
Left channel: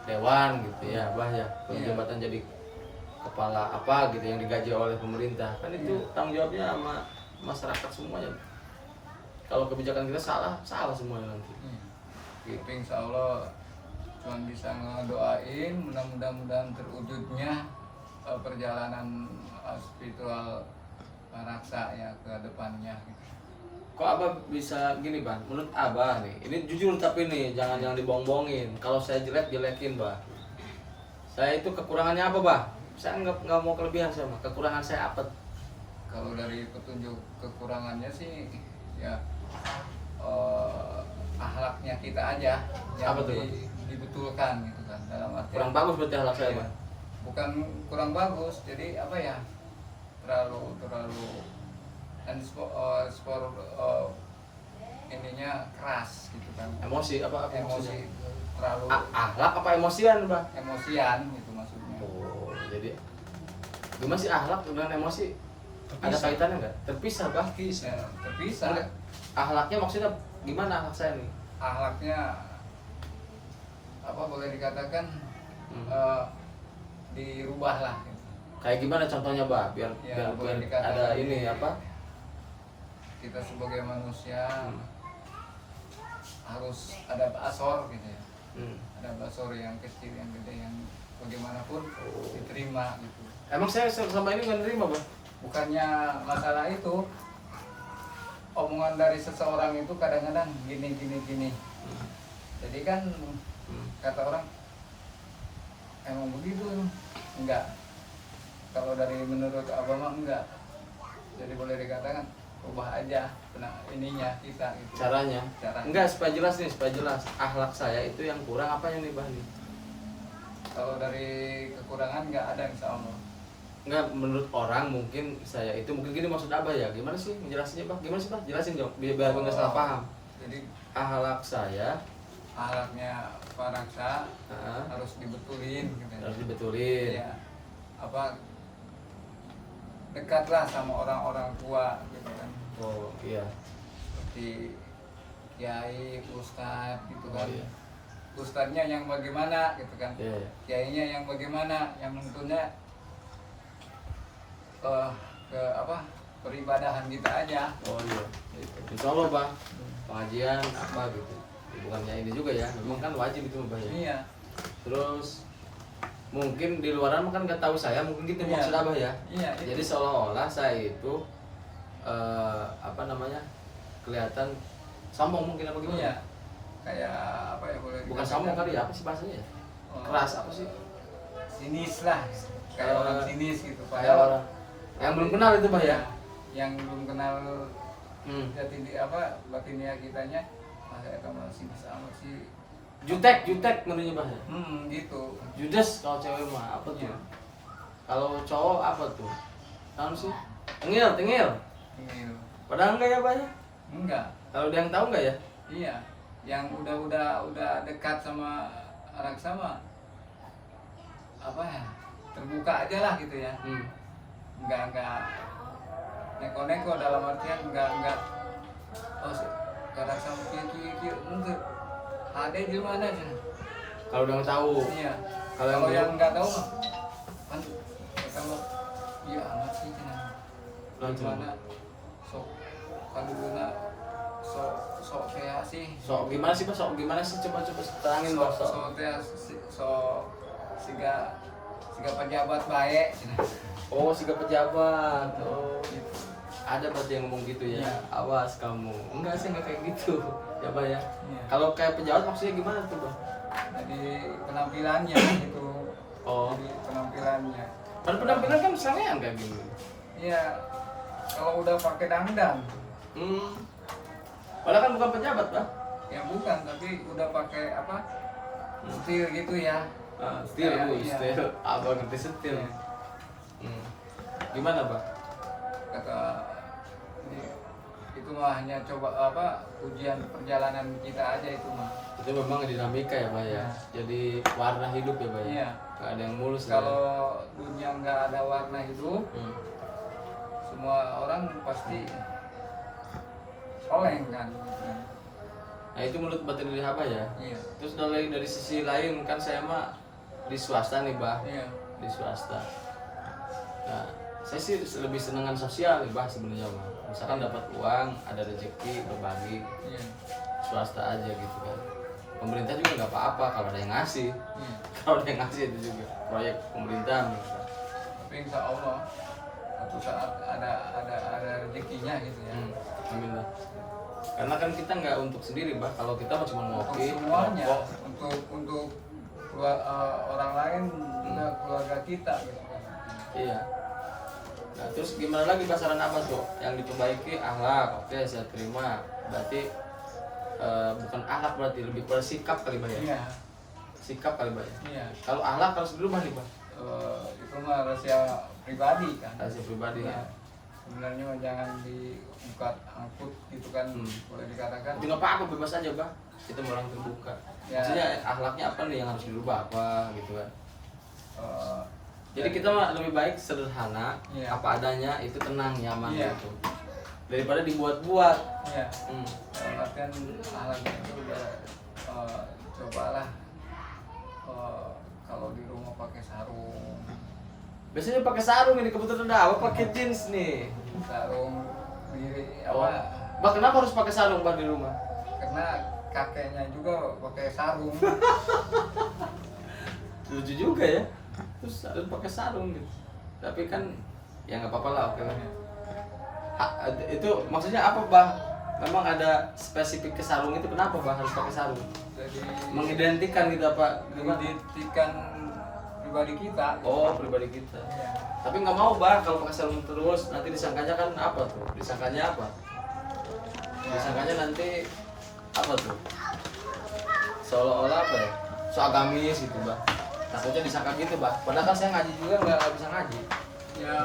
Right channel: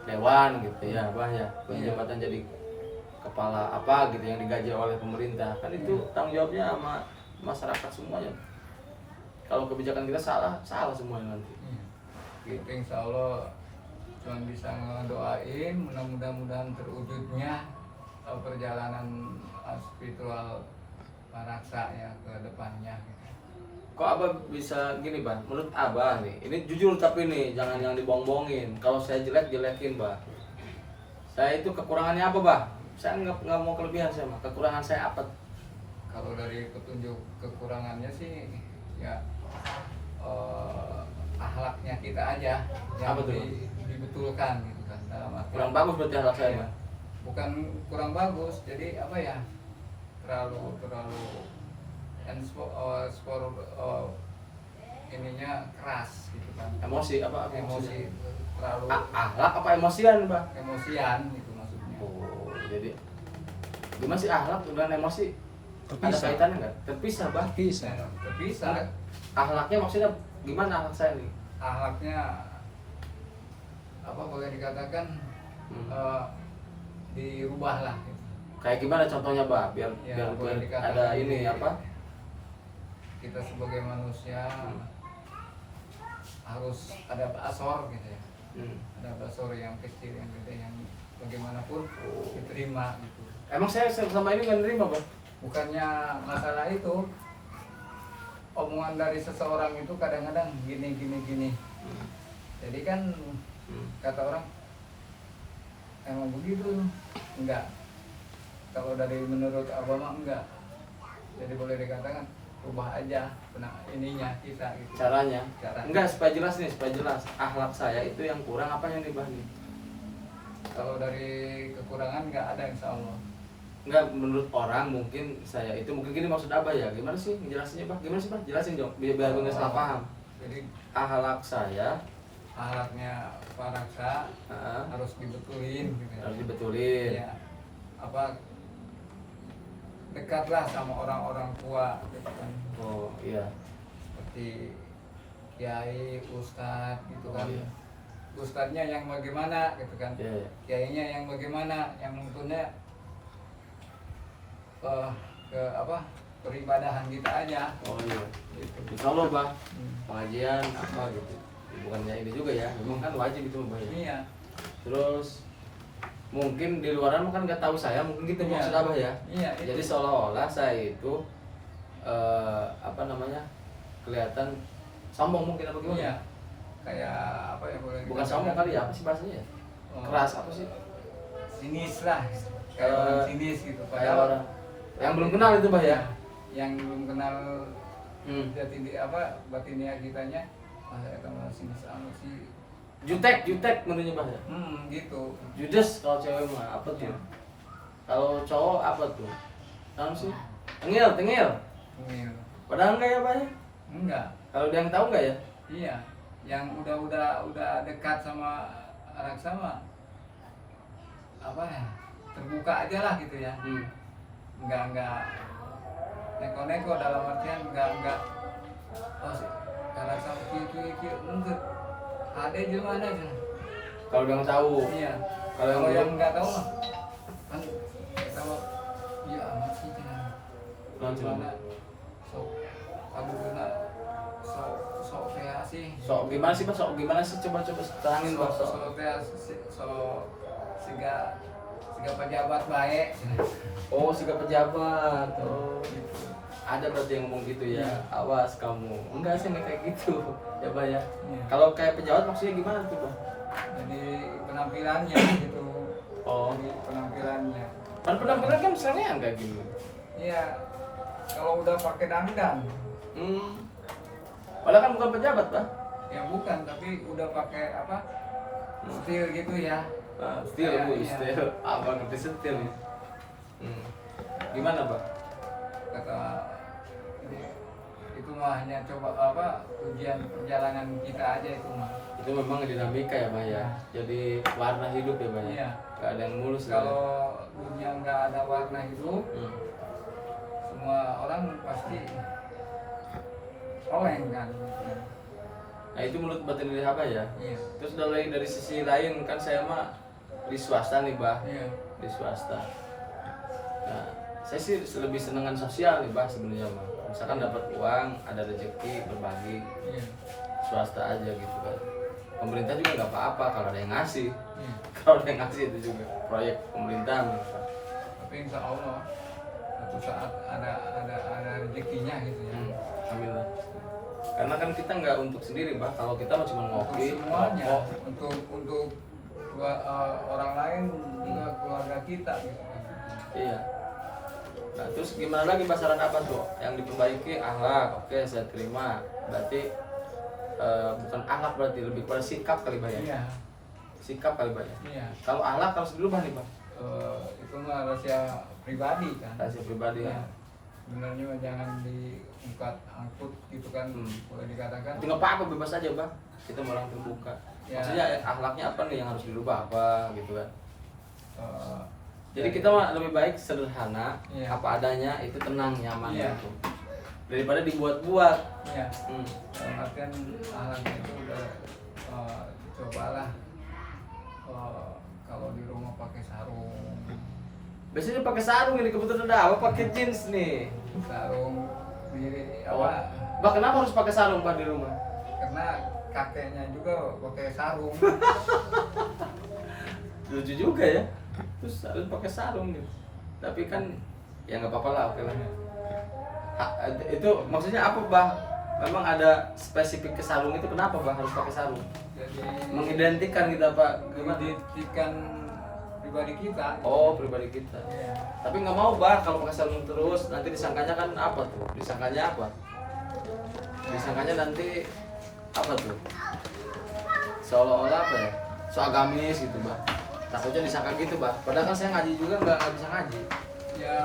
dewan gitu ya Bah ya, punya Iya. jabatan jadi kepala apa gitu yang digaji oleh pemerintah, kan itu Iya. tanggung jawabnya sama masyarakat semuanya. Kalau kebijakan kita salah semuanya nanti. Iya. Gitu. Tapi insya Allah cuma bisa ngedoain mudah-mudahan terwujudnya perjalanan spiritual Pak Raksa ya ke depannya. Kok Abah bisa gini Bah? Menurut Abah nih, ini jujur tapi nih jangan dibohong-bohongin. Kalau saya jelekin Bah. Saya itu kekurangannya apa Bah? Saya nggak mau kelebihan saya mah. Kekurangan saya apa? Kalau dari petunjuk kekurangannya sih ya akhlaknya kita aja yang Apa tuh? dibetulkan gitu kan, dalam arti Kurang bagus berarti akhlak saya Iya. Bah. Bukan kurang bagus, jadi apa ya, terlalu dan ininya keras gitu kan, Emosi apa emosi terlalu akhlak apa emosian Bah? emosian gitu maksudnya. Oh, jadi gimana sih akhlak dengan emosi? Ada Terpisah. kaitannya nggak? Terpisah Bah. Bisa. Ya, terpisah. Enggak. Akhlaknya maksudnya gimana akhlak saya nih? Akhlaknya apa boleh dikatakan dirubah lah gitu. Kayak gimana contohnya Bah? Biar Ya, biar, boleh biar dikatakan ada ini apa? Kita sebagai manusia Hmm. harus ada basor gitu ya, Hmm. ada basor yang kecil yang gede yang bagaimanapun Oh. diterima gitu. Emang saya sama ini nggak nerima Bah? Bukannya masalah itu, omongan dari seseorang itu kadang-kadang gini. Hmm. Jadi kan Hmm. kata orang emang begitu, enggak. Kalau dari menurut Abah mah enggak. Jadi boleh dikatakan ubah aja ininya kita gitu. Caranya? Caranya. Enggak, supaya jelas nih, supaya jelas. Akhlak saya itu yang kurang apanya nih Bah nih? Kalau dari kekurangan enggak ada insya Allah. Enggak, menurut orang mungkin saya itu mungkin gini maksud Abah ya. Gimana sih ngejelasinnya Bah? Gimana sih Bah? Jelasin dong, biar nggak salah paham. Jadi Akhlak saya akhlaknya Pak Raksa harus dibetulin gitu. harus dibetulin. Ya, apa dekatlah sama orang-orang tua gitu kan. Oh iya. Seperti kiai, ustadz gitu Oh, kan. iya. Ustadznya yang bagaimana gitu kan. Iya, iya. Kiainya yang bagaimana, yang nuntunnya ke apa? Peribadahan kita aja. Oh iya. Gitu. Insya Allah Bah, pengajian apa gitu. Bukannya ini juga ya, memang kan wajib itu Bah ya. Iya. Terus mungkin di luaran kan nggak tahu saya, mungkin gitu Iya. maksud Abah ya. Iya, itu. Jadi seolah-olah saya itu apa namanya, kelihatan sombong mungkin apa gimana? Iya. Kayak apa ya boleh Bukan dikatakan? sombong kali ya, apa sih bahasanya ya? Oh. Keras apa sih? Sinis lah. Kayak Eh, orang sinis gitu. Kayak orang yang belum kenal itu Bah ya. Yang belum kenal Hmm. jati di apa batinnya kitanya, masa itu mah sinis amat sih. Jutek menunya Bah ya. Gitu. Judes kalau cewek mah apa tuh? Iya. Kalau cowok apa tuh? Tahu sih? Tengil. Ini Padahal enggak ya Bah ya? enggak. Kalau dia yang tahu enggak ya? Iya. Yang udah dekat sama anak sama apa ya? Terbuka aja lah gitu ya. Hmm. Enggak neko-neko dalam artian enggak oh anak sama kieu mungkin ada di mana aja. Kalau dia yang tahu. Iya. Kalau yang Kalau yang belum? nggak tahu mah kan kita mah iya amat sih cenah. Lanjut. Gimana sok kaduluna sok teh sih. Sok gimana sih Bah? Sok gimana sih? Coba terangin Bah. Sok. Sok teh sok siga pejabat baik cenah. Oh, siga pejabat. Oh. Ada berarti yang ngomong gitu ya. Awas kamu. Enggak sih, enggak kayak gitu. Ya Bah ya. Iya. Kalau kayak pejabat maksudnya gimana tuh Bah? Jadi penampilannya gitu. Oh. Jadi penampilannya. Kan penampilan kan misalnya yang kayak gini. Iya. Kalau udah pakai dandan, Padahal kan bukan pejabat Bah. ya bukan, tapi udah pakai apa? Setil gitu ya. Setil Bu, Iya. setil. Abang ngerti setil. Gimana Bah? Kata itu mah hanya coba apa ujian perjalanan kita aja itu mah. Itu memang dinamika ya Bah ya. Jadi warna hidup ya Bah ya. Iya. Gak ada yang mulus. Kalau dunia nggak ada warna hidup, semua orang pasti oleng kan. Nah itu menurut batin dari Abah ya. Iya. Terus dari sisi lain kan saya mah di swasta nih Bah. Iya. Di swasta. Nah saya sih lebih senengan sosial nih Bah sebenarnya mah. Misalkan dapat uang, ada rezeki berbagi, Iya. swasta aja gitu kan. pemerintah juga nggak apa-apa kalau ada yang ngasih. Hmm. Kalau ada yang ngasih itu juga proyek pemerintah. Tapi insya Allah satu saat ada rezekinya gitu ya. Amin lah. Karena kan kita nggak untuk sendiri, bah. Kalau kita mah cuma Untuk ngopi, semuanya, rokok. untuk orang lain juga keluarga kita gitu. Iya. Nah terus gimana lagi pasaran apa tuh? Yang diperbaiki akhlak, oke saya terima. Berarti bukan akhlak berarti lebih pada sikap kali bah ya? Iya. Sikap kali bah ya? Iya. Kalau akhlak harus dulu bah nih bah? Itu mah rahasia pribadi kan. Rahasia pribadi Iya. ya. Sebenarnya mah jangan diungkat angkut gitu kan, boleh dikatakan. Itu nggak apa-apa bebas aja bah. Kita mau orang terbuka. Ya. Maksudnya akhlaknya apa nih yang harus dirubah apa gitu kan? Jadi Dari- kita mah lebih baik sederhana, Iya. apa adanya itu tenang nyaman Iya. gitu. Daripada dibuat-buat. Iya. Hmm. Dalam artian alatnya itu cobalah kalau di rumah pakai sarung, Biasanya pakai sarung ini kebetulan ada apa pakai jeans nih. sarung diri Oh. apa? Bah kenapa harus pakai sarung bah di rumah? Karena kakeknya juga pakai sarung. Lucu juga ya. Terus harus pakai sarung gitu. Tapi kan ya nggak apa-apa lah, oke lah. Itu maksudnya apa bah? Memang ada spesifik ke sarung itu kenapa bah harus pakai sarung? Jadi Mengidentikan kita pak gimana? mengidentikan pribadi kita. Oh pribadi kita. Iya. Tapi nggak mau bah kalau pakai sarung terus nanti disangkanya kan apa tuh? Disangkanya apa? Disangkanya nanti apa tuh? Seolah-olah apa ya? So agamis gitu bah. Takutnya disangka gitu bah. Padahal kan saya ngaji juga nggak bisa ngaji. Ya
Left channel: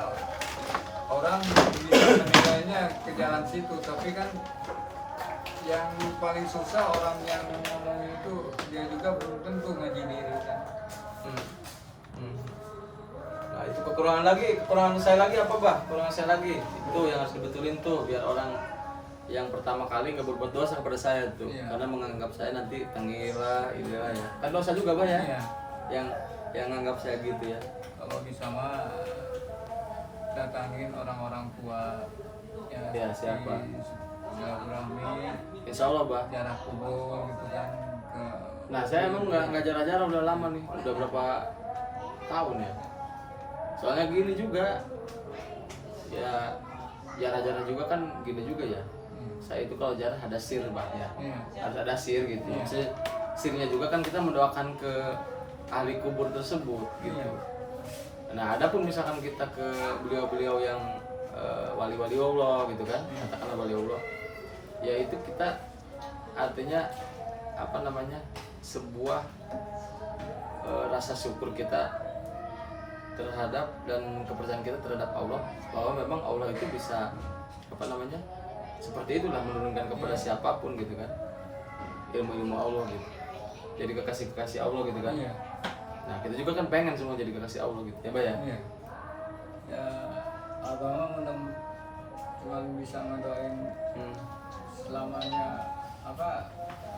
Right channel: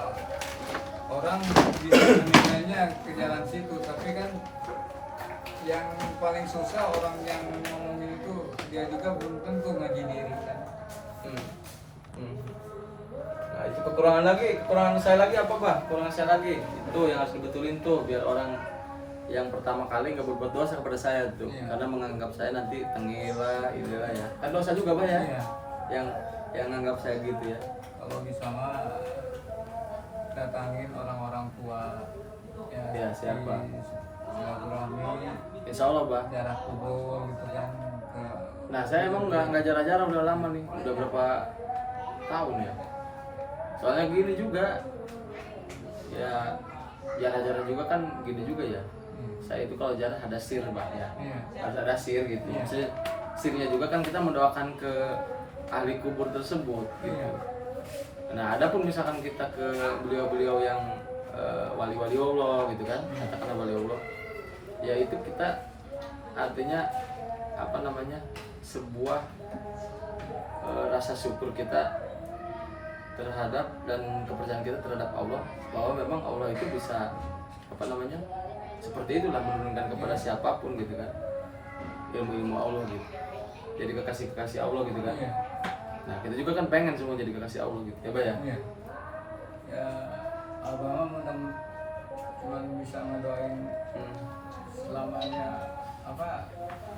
orang bisa menilainya ke jalan situ, tapi kan yang paling susah orang yang ngomongin itu dia juga belum tentu ngaji diri kan. Nah itu kekurangan saya lagi apa bah? Kekurangan saya lagi itu yang harus dibetulin tuh biar orang yang pertama kali nggak berbuat dosa kepada saya tuh, Iya. karena menganggap saya nanti tengil lah, inilah ya. Kan dosa juga bah ya? Iya. Yang nganggap saya gitu ya. Kalau bisa mah datangin orang-orang tua Ya, siapa? silaturahmi, Insya Allah bah. jarak kubur gitu kan ke. Nah saya emang nggak jarang-jarang udah lama nih, udah berapa tahun ya. Soalnya gini juga, ya jarang-jarang juga kan gini juga ya. Saya itu kalau jarang ada sir bah ya, Iya. ada sir gitu. Iya. Maksudnya sirnya juga kan kita mendoakan ke ahli kubur tersebut gitu. Iya. Nah adapun misalkan kita ke beliau-beliau yang wali-wali Allah gitu kan, katakanlah wali Allah, ya itu kita artinya apa namanya sebuah rasa syukur kita terhadap dan kepercayaan kita terhadap Allah bahwa memang Allah itu bisa apa namanya seperti itulah menurunkan kepada siapapun gitu kan ilmu-ilmu Allah gitu, jadi kekasih Allah gitu kan. Iya. Nah kita juga kan pengen semua jadi kekasih Allah gitu ya Pak ya. Iya. Ya abang mah cuma bisa ngedoain selamanya apa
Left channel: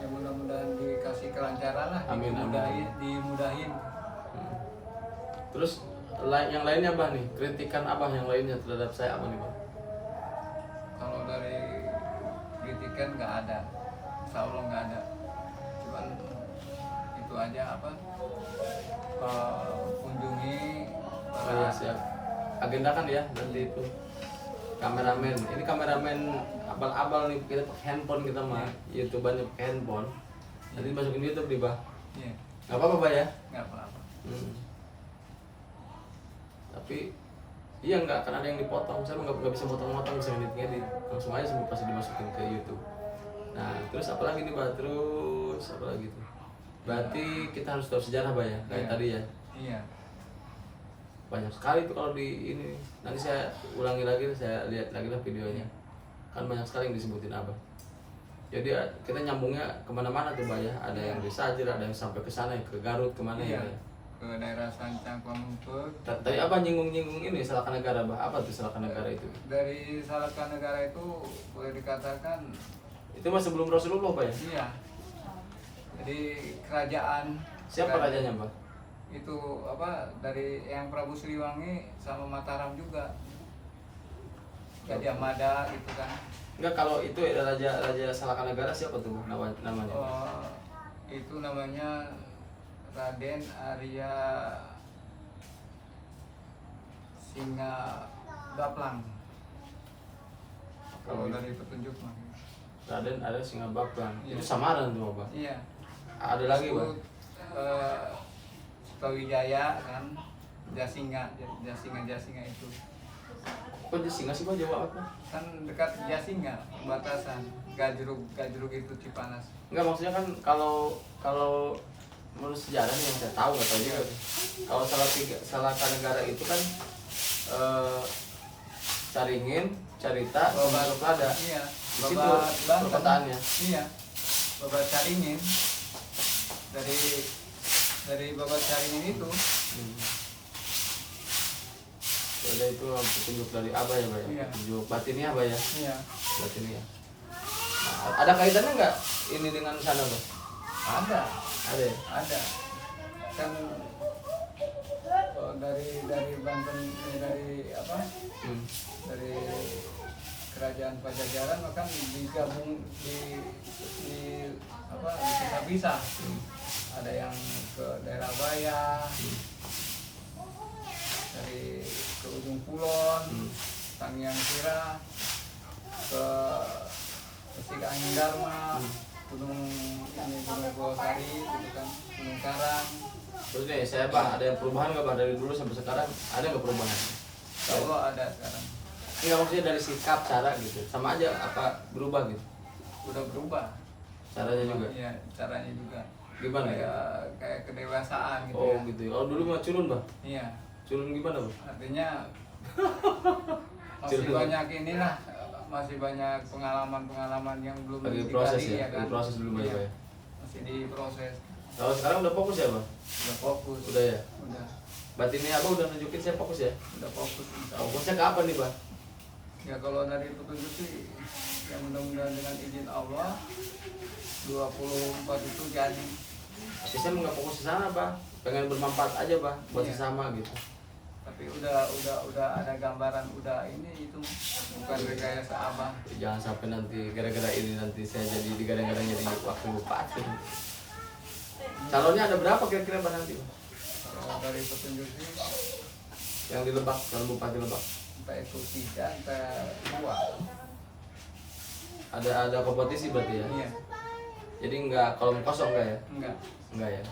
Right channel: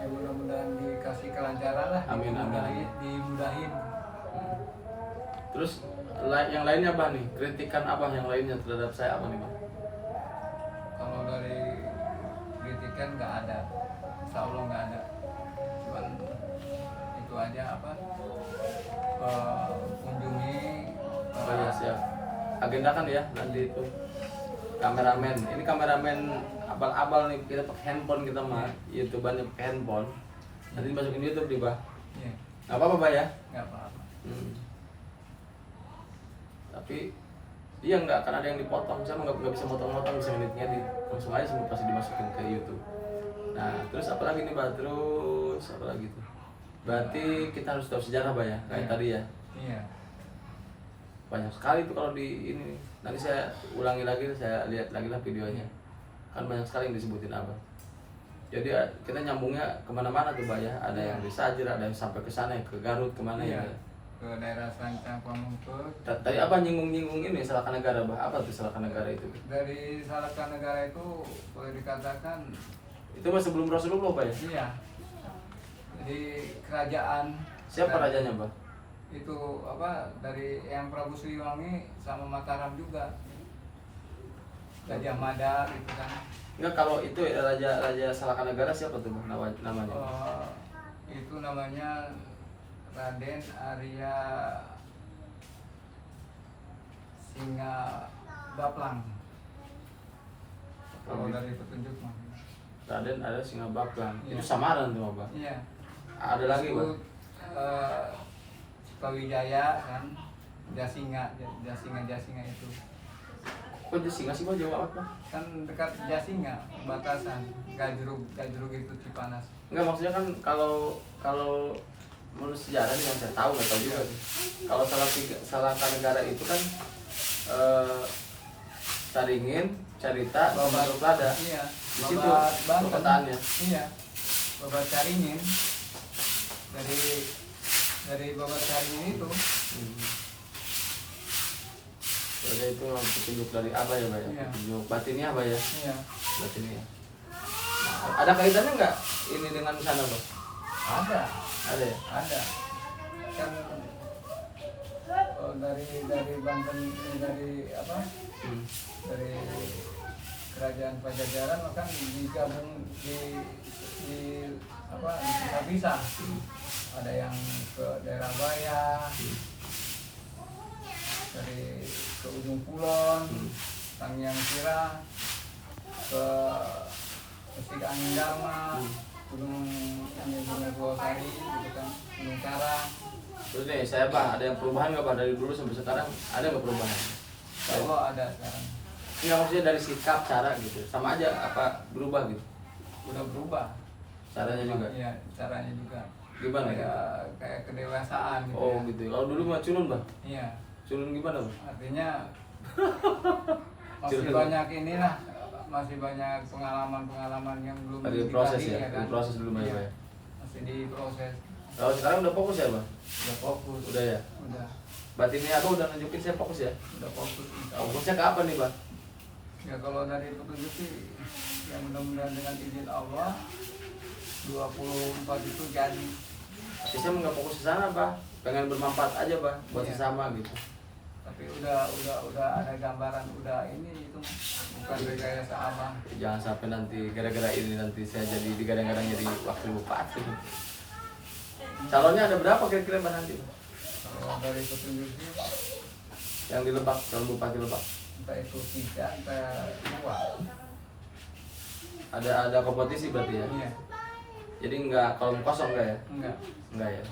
ya, mudah-mudahan dikasih kelancaran lah. Amin, amin. Dimudahin. Terus yang lainnya Bah nih, kritikan Abah yang lainnya terhadap saya apa nih Bah? Kalau dari kritikan nggak ada, insya Allah nggak ada. Cuman itu aja apa kunjungi Oh ya siap. Agendakan ya nanti itu kameramen. Ini kameramen abal-abal nih, kita pakai handphone kita mah, YouTubernya pakai handphone. Nanti masukin YouTube nih Bah. Iya, Nggak apa-apa Bah ya? nggak apa-apa. Tapi iya nggak akan ada yang dipotong, saya nggak bisa motong-motong, bisa ngedit-ngedit, kalau semuanya semua pasti dimasukin ke YouTube. Nah terus apa lagi nih Bah? Terus apa lagi tuh? Berarti kita harus tahu sejarah Bah ya, kayak Iya. tadi ya. Iya. Banyak sekali tuh kalau di ini. Nanti saya ulangi lagi, saya lihat lagi lah videonya. Kan banyak sekali yang disebutin Abah. Jadi kita nyambungnya kemana-mana tuh Bah ya. Ada yang di Sajir, ada yang sampai ke sana, ke Garut, kemana Iya. ya. Ke daerah Sancang Pamungpeut. Tadi apa nyinggung-nyinggung ini Salaka Negara Bah? Apa tuh Salaka Negara itu? Dari Salaka Negara itu boleh dikatakan Itu mah sebelum Rasulullah Bah ya? iya. Jadi kerajaan. Siapa rajanya Bah? Itu apa dari yang Prabu Siliwangi sama Mataram juga. Gajah Mada gitu kan. Enggak, kalau itu raja Salaka Negara siapa tuh Bah namanya? Oh, itu namanya Raden Arya Singa Baplang. Kalau dari petunjuk mah. Raden ada Singa Baplang. Iya. Itu samaran tuh Bang. Iya. Ada lagi Bang. Sutawijaya kan, Jasinga itu Kok dia Singa sih Bang, Jawa apa? kan dekat Jasinga, batasan Gajrug itu Cipanas. Enggak, maksudnya kan kalau menurut sejarah nih yang saya tahu, nggak tahu juga sih. Kalau salah negara itu kan Caringin, Carita, sama Lada. Iya. Di situ Babat Banten. perkotaannya. Iya. Babat Caringin dari Babat Caringin itu. Jadi itu petunjuk dari Abah ya, Pak ya? Iya. Petunjuk batinnya Abah ya? Iya. Batinnya. Nah, ada kaitannya nggak ini dengan sana, Bang? Ada. Ada ya? Ada. Kan dari Banten, dari apa? Dari kerajaan Pajajaran kan digabung di apa bisa ada yang ke daerah Baya, dari ke ujung Kulon, Sangiang Sira, ke Pesik Angin Dharma, Gunung Gowasari, gitu kan, Gunung Karang. Terus nih saya Bang, ada yang perubahan nggak Bang dari dulu sampai sekarang? Ada nggak perubahan? Kalau ada sekarang Enggak, maksudnya dari sikap, cara gitu. Sama aja apa berubah gitu? udah berubah. Caranya juga. Iya, caranya juga. Gimana ya? Kayak kedewasaan gitu. Oh ya. gitu. Kalau dulu mah culun Bang. Iya. Culun gimana Bang? Artinya masih Curhat. banyak inilah, masih banyak pengalaman yang belum Lagi proses digali, ya? Lagi proses dulu Bang Iya, ya? masih diproses. Kalau sekarang udah fokus ya Bang? Udah fokus. Udah ya? Udah Batinnya Abah udah nunjukin saya fokus ya? udah fokus. Insya Allah. Fokusnya ke apa nih Bang? Ya kalau dari petunjuk sih, ya mudah-mudahan dengan izin Allah 24 itu jadi. Tapi saya nggak fokus ke sana Bang. Pengen bermanfaat aja Bang buat Iya. sesama gitu. Tapi udah ada gambaran, udah ini itu bukan rekayasa abang. Jangan sampai nanti gara-gara ini nanti saya jadi digadang-gadang jadi wakil bupati. Calonnya ada berapa kira-kira Bang nanti Bang? Kalau dari petunjuk sih, Yang di Lebak, calon bupati Lebak. entah itu 3, entah 2. Ada kompetisi berarti ya? Iya, Jadi nggak kolom kosong nggak ya? enggak. Enggak ya.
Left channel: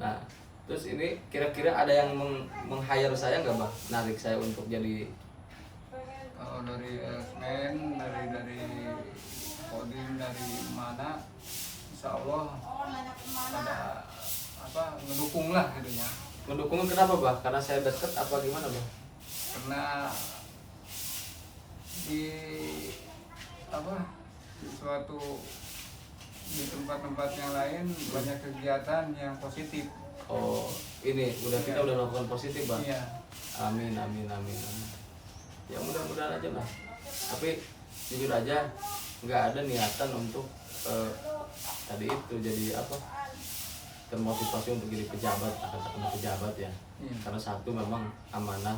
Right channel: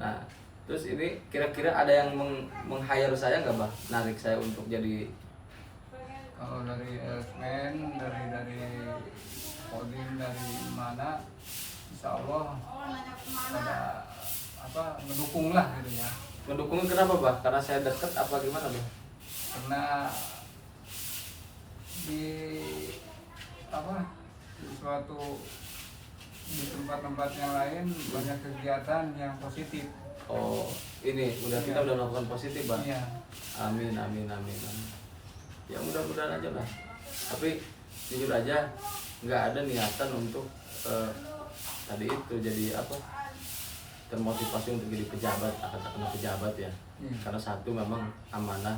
Nah, terus ini kira-kira ada yang meng-hire saya nggak Bang? Narik saya untuk jadi Kalau dari Esmen, dari Kodim, dari mana, insya Allah pada apa ngedukung lah gitu ya. ngedukungnya kenapa Bang? Karena saya deket apa gimana Bang? Karena di apa di suatu di tempat-tempat yang lain banyak kegiatan yang positif. Oh, ini kita udah melakukan positif Bang. Iya. Amin, amin, amin, amin. Ya mudah-mudahan aja Bang. Tapi jujur aja nggak ada niatan untuk tadi itu jadi apa? Termotivasi untuk jadi pejabat, akan terkena pejabat ya. Karena satu memang amanah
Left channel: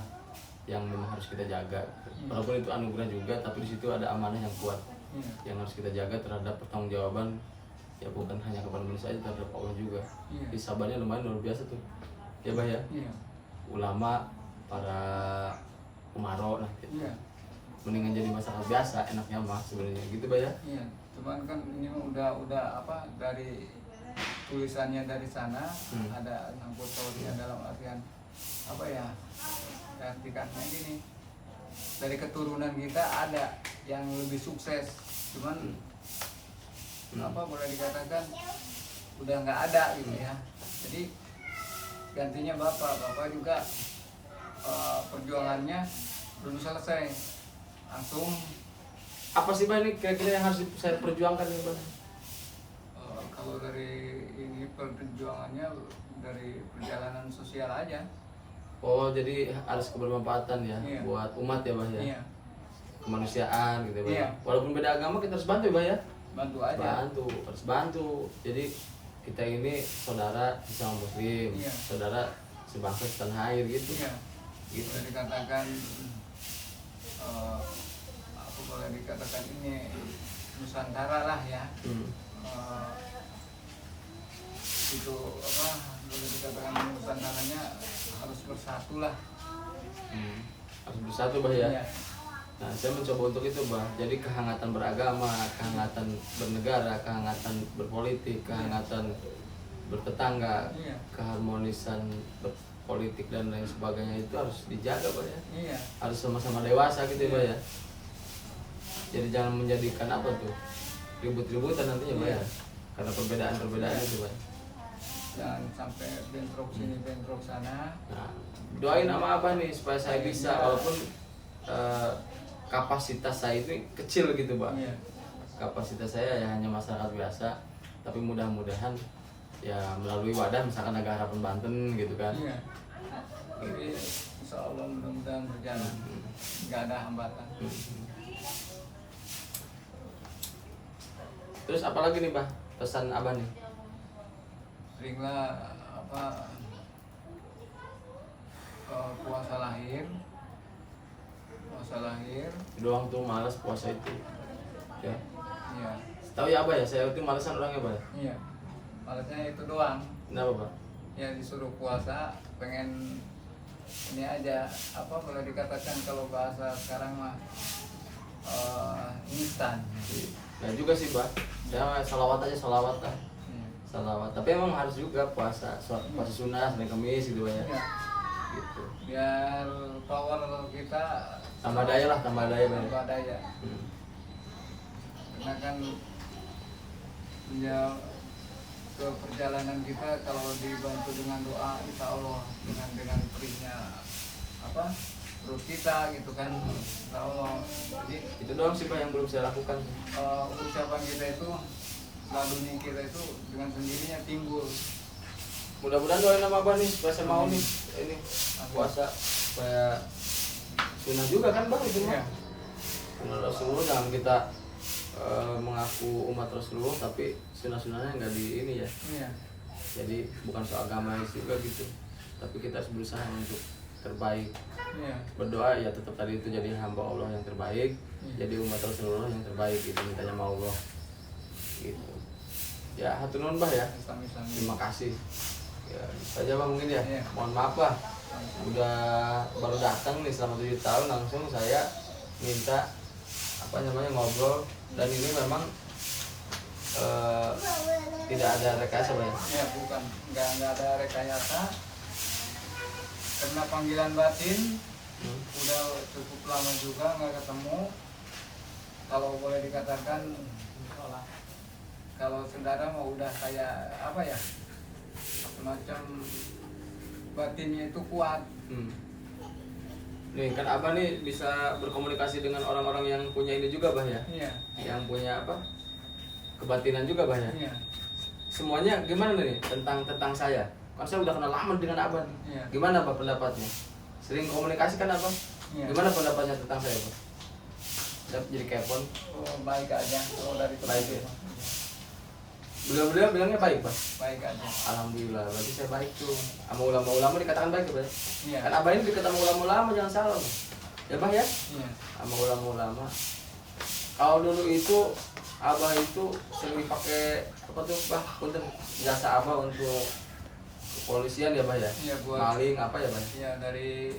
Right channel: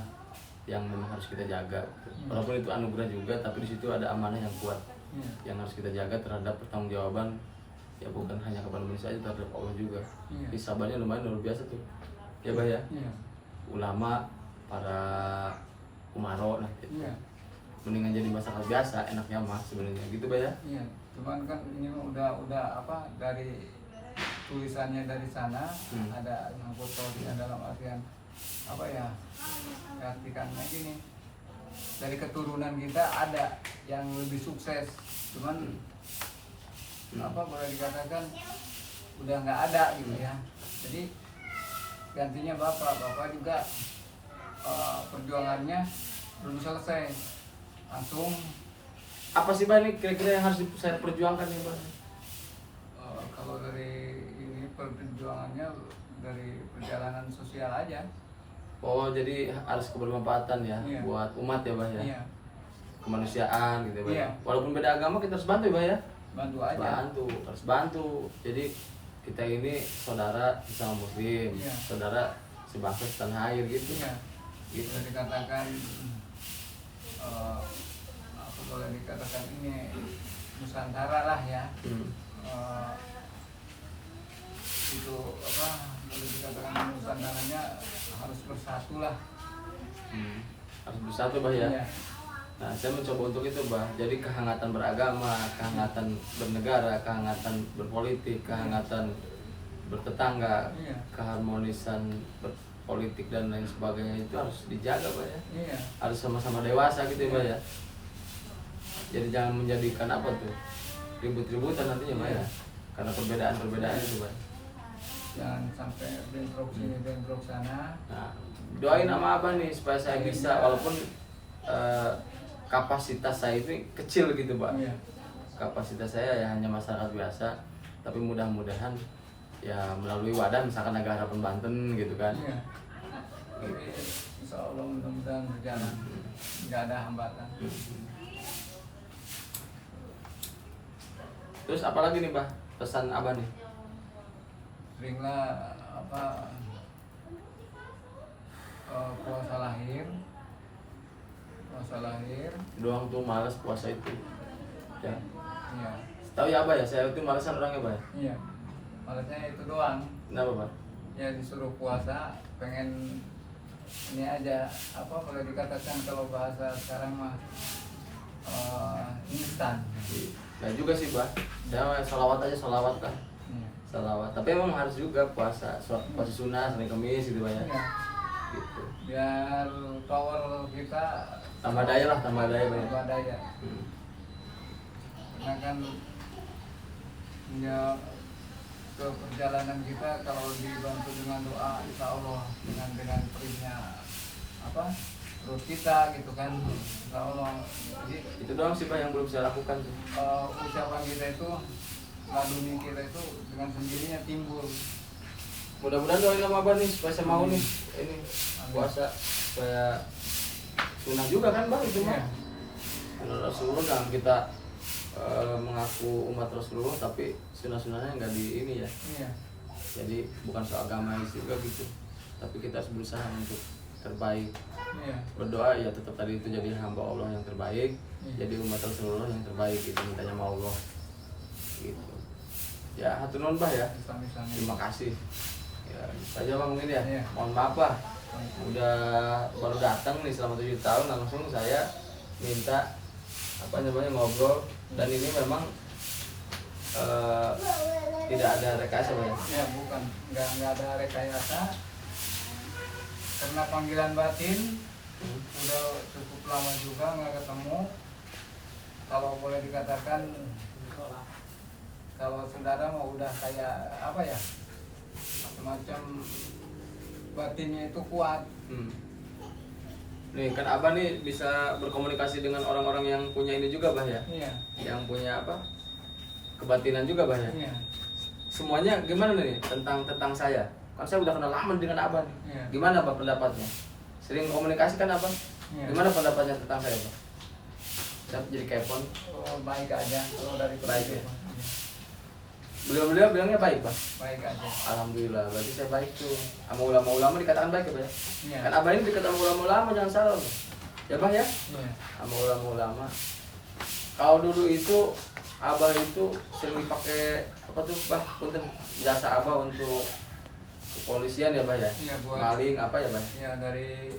yang memang harus kita jaga. Walaupun itu anugerah juga, tapi di situ ada amanah yang kuat yang harus kita jaga terhadap pertanggungjawaban ya bukan hanya kepada manusia saja, terhadap Allah juga. Jadi sabarnya lumayan luar biasa tuh. Ya Bah ya. Ulama, para umaro nah gitu. Mendingan jadi masyarakat biasa, enaknya mah sebenarnya gitu Bah ya. Iya, cuman kan ini mah udah apa dari tulisannya dari sana ada ngangkut pautnya dalam artian apa ya? Artikannya gini. Dari keturunan kita ada yang lebih sukses, cuman apa boleh dikatakan udah nggak ada gitu ya. Jadi gantinya bapak juga perjuangannya belum selesai, langsung Apa sih Bah ini kira-kira yang harus saya perjuangkan nih Bah? kalau dari ini perjuangannya dari perjalanan sosial aja. Oh jadi harus kebermanfaatan ya Iya. buat umat ya Bah ya. Iya, Kemanusiaan gitu ya Bah. Iya. Walaupun beda agama kita harus bantu ya Bah ya. bantu aja. Bantu, harus bantu. Jadi kita ini saudara sesama muslim, Iya. saudara sebangsa setanah air gitu. Iya. Gitu. Boleh dikatakan apa boleh dikatakan ini Nusantara lah ya. itu apa boleh dikatakan Nusantaranya harus bersatu lah. Harus bersatu bah ya. Iya. Nah, saya mencoba untuk itu bah. Jadi kehangatan beragama, kehangatan bernegara, kehangatan berpolitik, kehangatan bertetangga, Iya. keharmonisan berpolitik dan lain sebagainya itu harus dijaga bah ya. Iya. Harus sama-sama dewasa gitu ya bah ya. Jadi jangan menjadikan apa tuh ribut-ributan nantinya bah ya. Karena perbedaan-perbedaan itu bah. Jangan sampai bentrok sini bentrok sana. Nah, doain sama abah nih supaya saya bisa walaupun kapasitas saya itu kecil gitu pak. Iya. Kapasitas saya ya hanya masyarakat biasa, tapi mudah-mudahan ya melalui wadah misalkan Naga Harapan Banten gitu kan. Iya. Jadi insya Allah mudah-mudahan berjalan, nggak ada hambatan. Terus apalagi nih bah pesan abah nih? Seringlah apa puasa lahir Doang tuh malas puasa itu. Ya. iya Tahu ya abah ya, saya itu malasan orangnya bah. iya malasnya itu doang Kenapa bah? ya, disuruh puasa pengen ini aja apa boleh dikatakan kalau bahasa sekarang mah instan. Nah juga sih bah, saya salawat aja salawat lah. Iya. Salawat. Tapi emang harus juga puasa sunnah, Senin Kamis gitu banyak. Iya. Gitu. Biar power kita Tambah daya lah, tambah daya banyak. tambah daya. Karena kan ya ke perjalanan kita kalau dibantu dengan doa insya Allah dengan perihnya apa perut kita gitu kan insya Allah. Jadi Itu doang sih bah yang belum saya lakukan tuh. ucapan kita itu laduni kita itu dengan sendirinya timbul. Mudah-mudahan doain sama abah nih supaya saya mau nih ini puasa supaya sunnah juga kan bang itu mah. Iya. Sunnah Rasulullah jangan kita mengaku umat Rasulullah tapi sunnah-sunnahnya nggak di ini ya. Iya. Jadi bukan soal agamanis juga gitu. Tapi kita harus berusaha untuk terbaik. Iya. Berdoa ya tetap tadi itu jadi hamba Allah yang terbaik, jadi umat Rasulullah yang terbaik gitu mintanya sama Allah. Gitu. Ya hatur nuhun bah ya. Islam-Islam. Terima kasih. Ya, gitu aja bang mungkin ya. Iya. Mohon maaf bah. Udah baru datang nih selama 7 tahun langsung saya minta apa namanya ngobrol dan ini memang tidak ada rekayasa bah ya. Ya bukan, nggak ada rekayasa karena panggilan batin udah cukup lama juga nggak ketemu. Kalau boleh dikatakan kalau saudara mau udah kayak apa ya semacam batinnya itu kuat. Nih kan abah nih bisa berkomunikasi dengan orang-orang yang punya ini juga bah ya. Iya. Yang punya apa kebatinan juga bah ya. Iya. Semuanya gimana nih tentang saya? Kan saya udah kenal lama dengan abah nih. Iya. Gimana bah pendapatnya? Sering komunikasi kan abah? Iya. Gimana pendapatnya tentang saya bah? Saya jadi kepon. Oh, baik aja kalau dari Baik ya? Iya. Beliau bilangnya baik bah. Baik aja. Alhamdulillah, berarti saya baik tuh. Sama ulama-ulama dikatakan baik ya bah? Iya. Kan abah ini dekat sama ulama-ulama jangan salah bah. Ya bah ya? Iya. Sama ulama-ulama. Kalau dulu itu abah itu sering dipakai apa tuh bah? Punten jasa abah untuk kepolisian ya bah ya? Iya, buat Maling apa ya bah? ya dari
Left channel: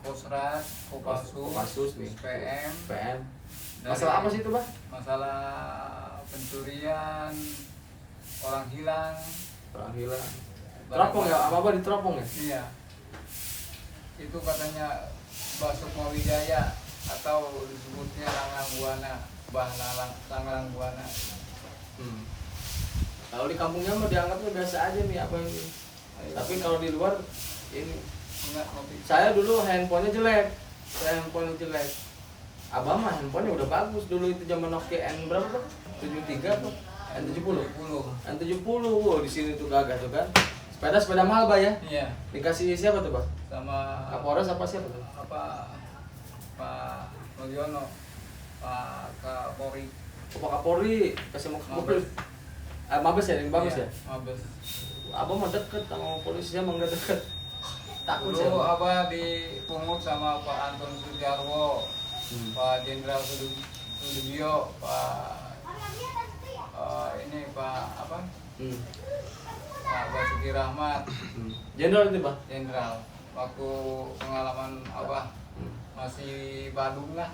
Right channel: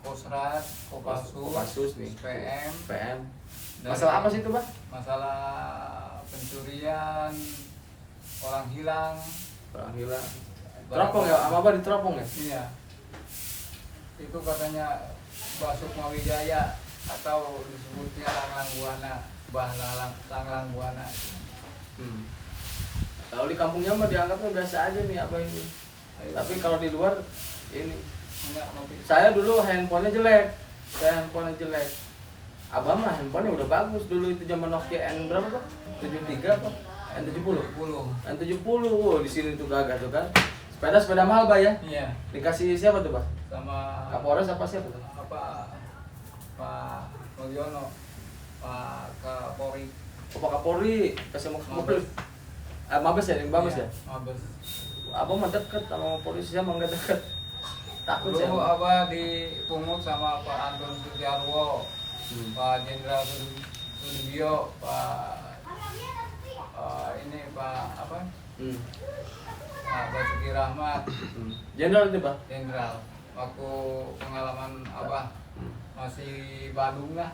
Kosrat, Kopassus nih. PM. PM. Dari- Masalah apa sih itu bah? Masalah pencurian, orang hilang. Orang hilang. Teropong ya? Apa apa diteropong ya? Iya. Itu katanya Basukma Wijaya atau disebutnya Langlang Buana, Bah Langlang Buana. Kalau di kampungnya mah dianggapnya biasa aja nih apa ini. Tapi kalau di luar ini. Enggak ngopi. Saya dulu handphonenya jelek. Abah mah handphonenya udah bagus dulu itu zaman Nokia N berapa Pak? 73 apa? N70. N70 wow, di sini tuh gagah tuh kan. Sepeda mahal Bah ya. Iya. Dikasih siapa tuh Bah? Sama Kapolres apa siapa tuh? apa Pak Mulyono, Pak Kapolri. Pak Kapolri kasih mobil. Mabes ya, Mabes ya. Mabes. Abah mah deket sama polisi emang gak deket. Takut saya. Dulu Abah dipungut sama Pak Anton Sujarwo, Pak Jenderal Sudibyo, Pak ini Pak apa? Basuki Rahmat Jenderal itu Bah. Jenderal. Waktu pengalaman Abah masih Bandung lah.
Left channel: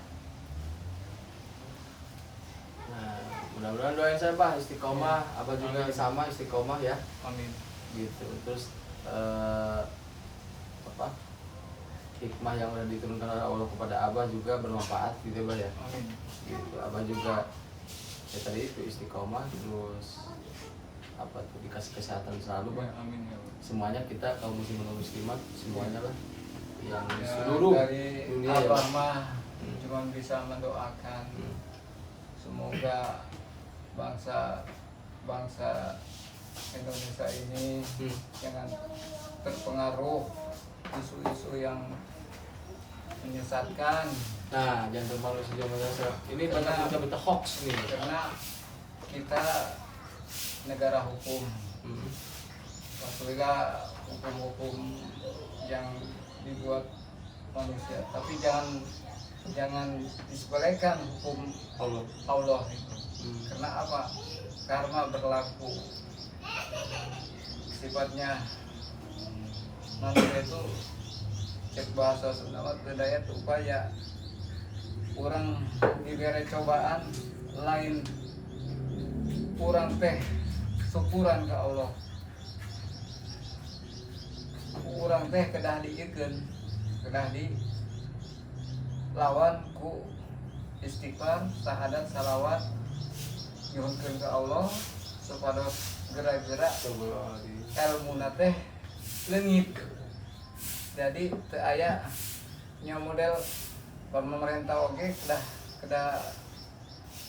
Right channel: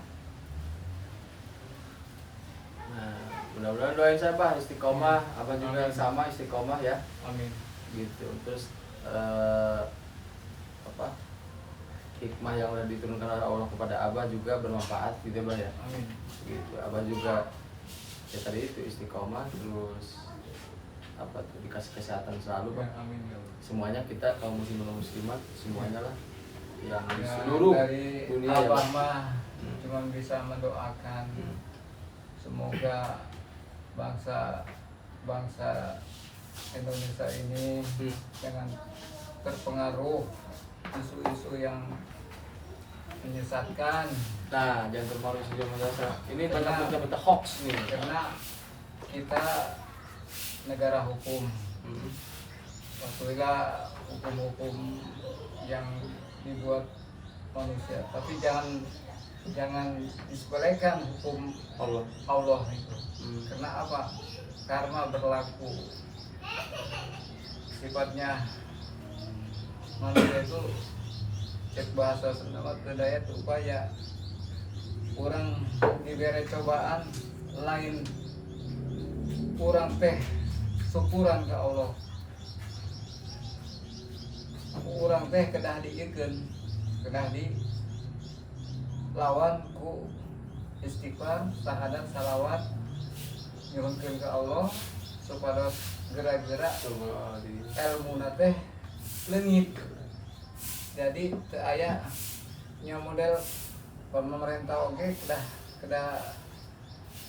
Nah, mudah-mudahan doain saya Bah istiqomah, Abah juga Amin. sama istiqomah ya. Amin. Gitu. Terus apa? Hikmah yang udah diturunkan oleh Allah kepada Abah juga bermanfaat gitu Bah ya. Amin. Gitu. Abah juga ya tadi itu istiqomah, terus apa tuh dikasih kesehatan selalu Bah. Ya, amin ya Allah. Semuanya kita kaum muslimin muslimat semuanya lah yang di Ya, seluruh dari dunia ya Abah Bah. mah cuma bisa mendoakan semoga bangsa Indonesia ini jangan terpengaruh isu-isu yang menyesatkan, Nah, jangan terpengaruh sejauh merasa. Ini banyak Karena- berita-berita hoax nih. karena kita negara hukum. Maksudnya hukum-hukum yang dibuat manusia, tapi jangan disepelekan hukum Allah. Allah itu. Hmm. Karena apa? Karma berlaku. Sifatnya manusia itu cek bahasa Sunda daya upaya orang diberi cobaan lain kurang teh syukuran ke Allah. Kurang teh kedah diikeun, kedah di lawan ku istighfar, syahadat, salawat nyuhunkeun ke Allah supaya gerak-gerak Coba di ilmu teh leungit. Jadi teu aya nya model pemerintah oge kedah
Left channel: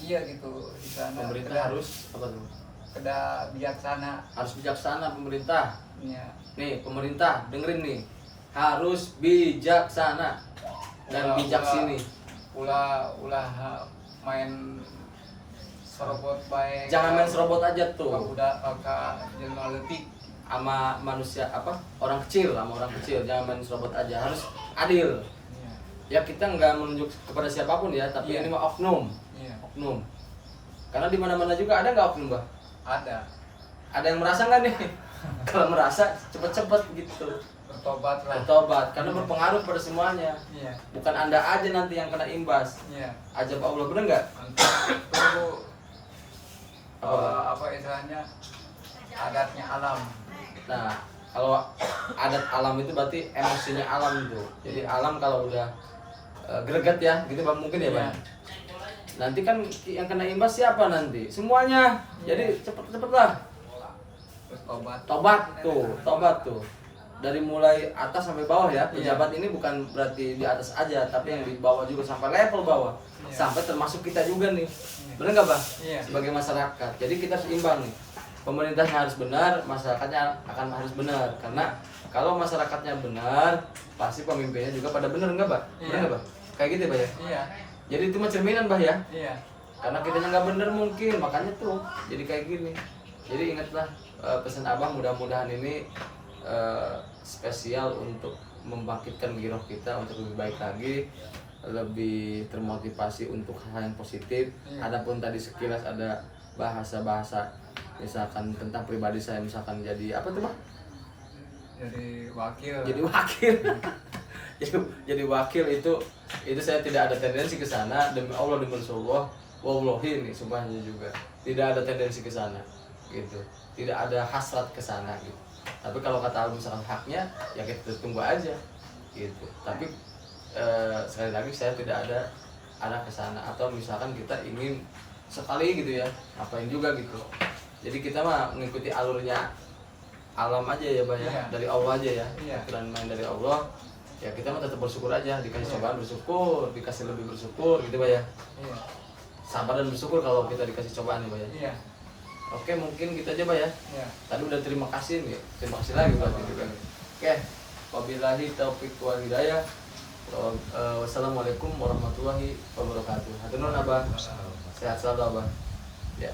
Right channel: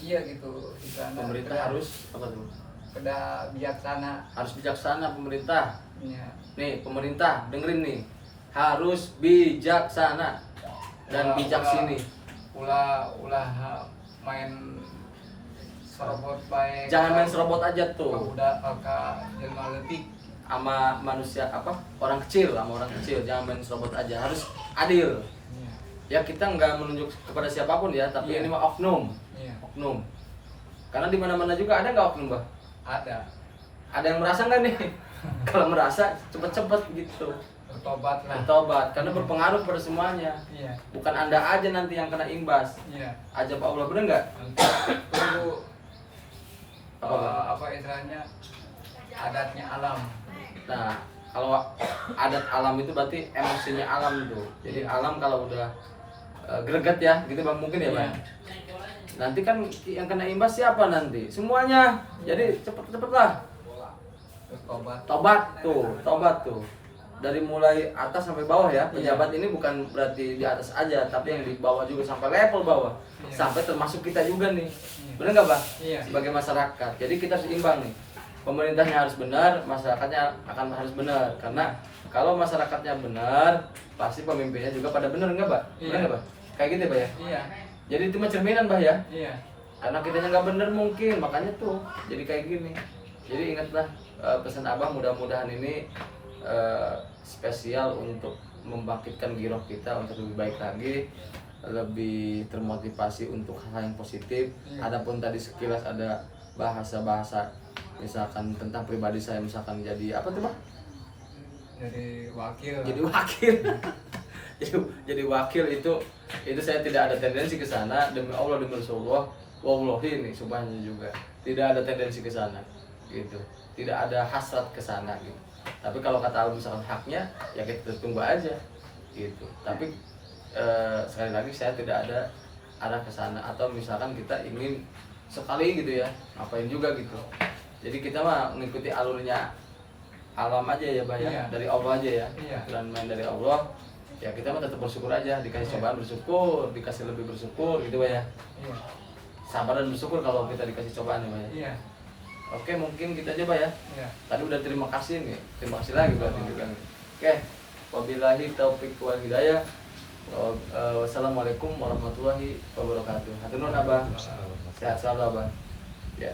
iya gitu istilahna pemerintah kedah- harus apa tuh? kedah bijaksana. Harus bijaksana pemerintah. Iya. Nih, pemerintah dengerin nih. Harus bijaksana dan Ulah- bijak ulah- sini. ulah main serobot baik. Jangan main serobot aja tuh. Udah kakak jelma leutik. Sama manusia apa? Orang kecil, sama orang kecil. Jangan main serobot aja. Harus adil. Iya. Ya kita nggak menunjuk kepada siapapun ya, tapi Iya. ini mah oknum. Iya. Oknum. Karena di mana-mana juga ada nggak oknum, Bah? Ada. Ada yang merasa nggak nih? Kalau merasa cepet-cepet gitu. Bertobat lah. Bertobat karena berpengaruh pada semuanya. Iya. Bukan Anda aja nanti yang kena imbas. Iya. Ajab Allah, bener nggak? Tunggu Apa? apa istilahnya adatnya alam. Nah, kalau adat alam itu berarti emosinya alam tuh. Jadi alam kalau udah greget ya, gitu Bang mungkin ya Bang. Iya. Nanti kan yang kena imbas siapa nanti? Semuanya. Jadi cepet-cepet lah. Bertobat. Tobat tuh. Dari mulai atas sampai bawah ya. Pejabat ini bukan berarti di atas aja, tapi yang di bawah juga sampai level bawah. Iya. Sampai termasuk kita juga nih. Iya. Bener nggak Bang? Iya. Sebagai masyarakat. Jadi kita harus imbang nih. Pemerintahnya harus benar, masyarakatnya akan harus benar. Karena kalau masyarakatnya benar, pasti pemimpinnya juga pada benar nggak Pak? Benar Iya. nggak Pak? Kayak gitu ya Pak ya? Iya. Jadi itu mah cerminan Bah ya. Iya. Karena kitanya nggak bener mungkin, makanya tuh jadi kayak gini. Jadi ingatlah pesan Abah, mudah-mudahan ini spesial untuk membangkitkan giroh kita untuk lebih baik lagi, lebih termotivasi untuk hal yang positif. Adapun tadi sekilas ada bahasa-bahasa misalkan tentang pribadi saya, misalkan jadi apa tuh Bang? Jadi wakil. Jadi wakil. jadi wakil itu saya tidak ada tendensi ke sana, demi Allah demi Rasulullah. Wallahi ini subhanallah juga tidak ada tendensi ke sana gitu, tidak ada hasrat ke sana gitu. Tapi kalau kata Allah misalkan haknya ya kita tunggu aja gitu. Tapi sekali lagi saya tidak ada arah ke sana, atau misalkan kita ingin sekali gitu ya ngapain juga gitu. Jadi kita mah mengikuti alurnya alam aja ya Bah ya, Iya. dari Allah aja ya, Iya. aturan main dari Allah. Ya kita mah tetap bersyukur aja, dikasih cobaan bersyukur, dikasih lebih bersyukur gitu Bah ya. Iya. Sabar dan bersyukur kalau kita dikasih cobaan ya Bah ya. Iya. Oke, mungkin kita aja Bah ya. Iya. Tadi udah terima kasih nih, terima kasih lagi buat ini kami. Oke, wabillahi taufiq wal hidayah. Wassalamualaikum warahmatullahi wabarakatuh. Hatur nuhun Abah. Sehat selalu Abah. Ya.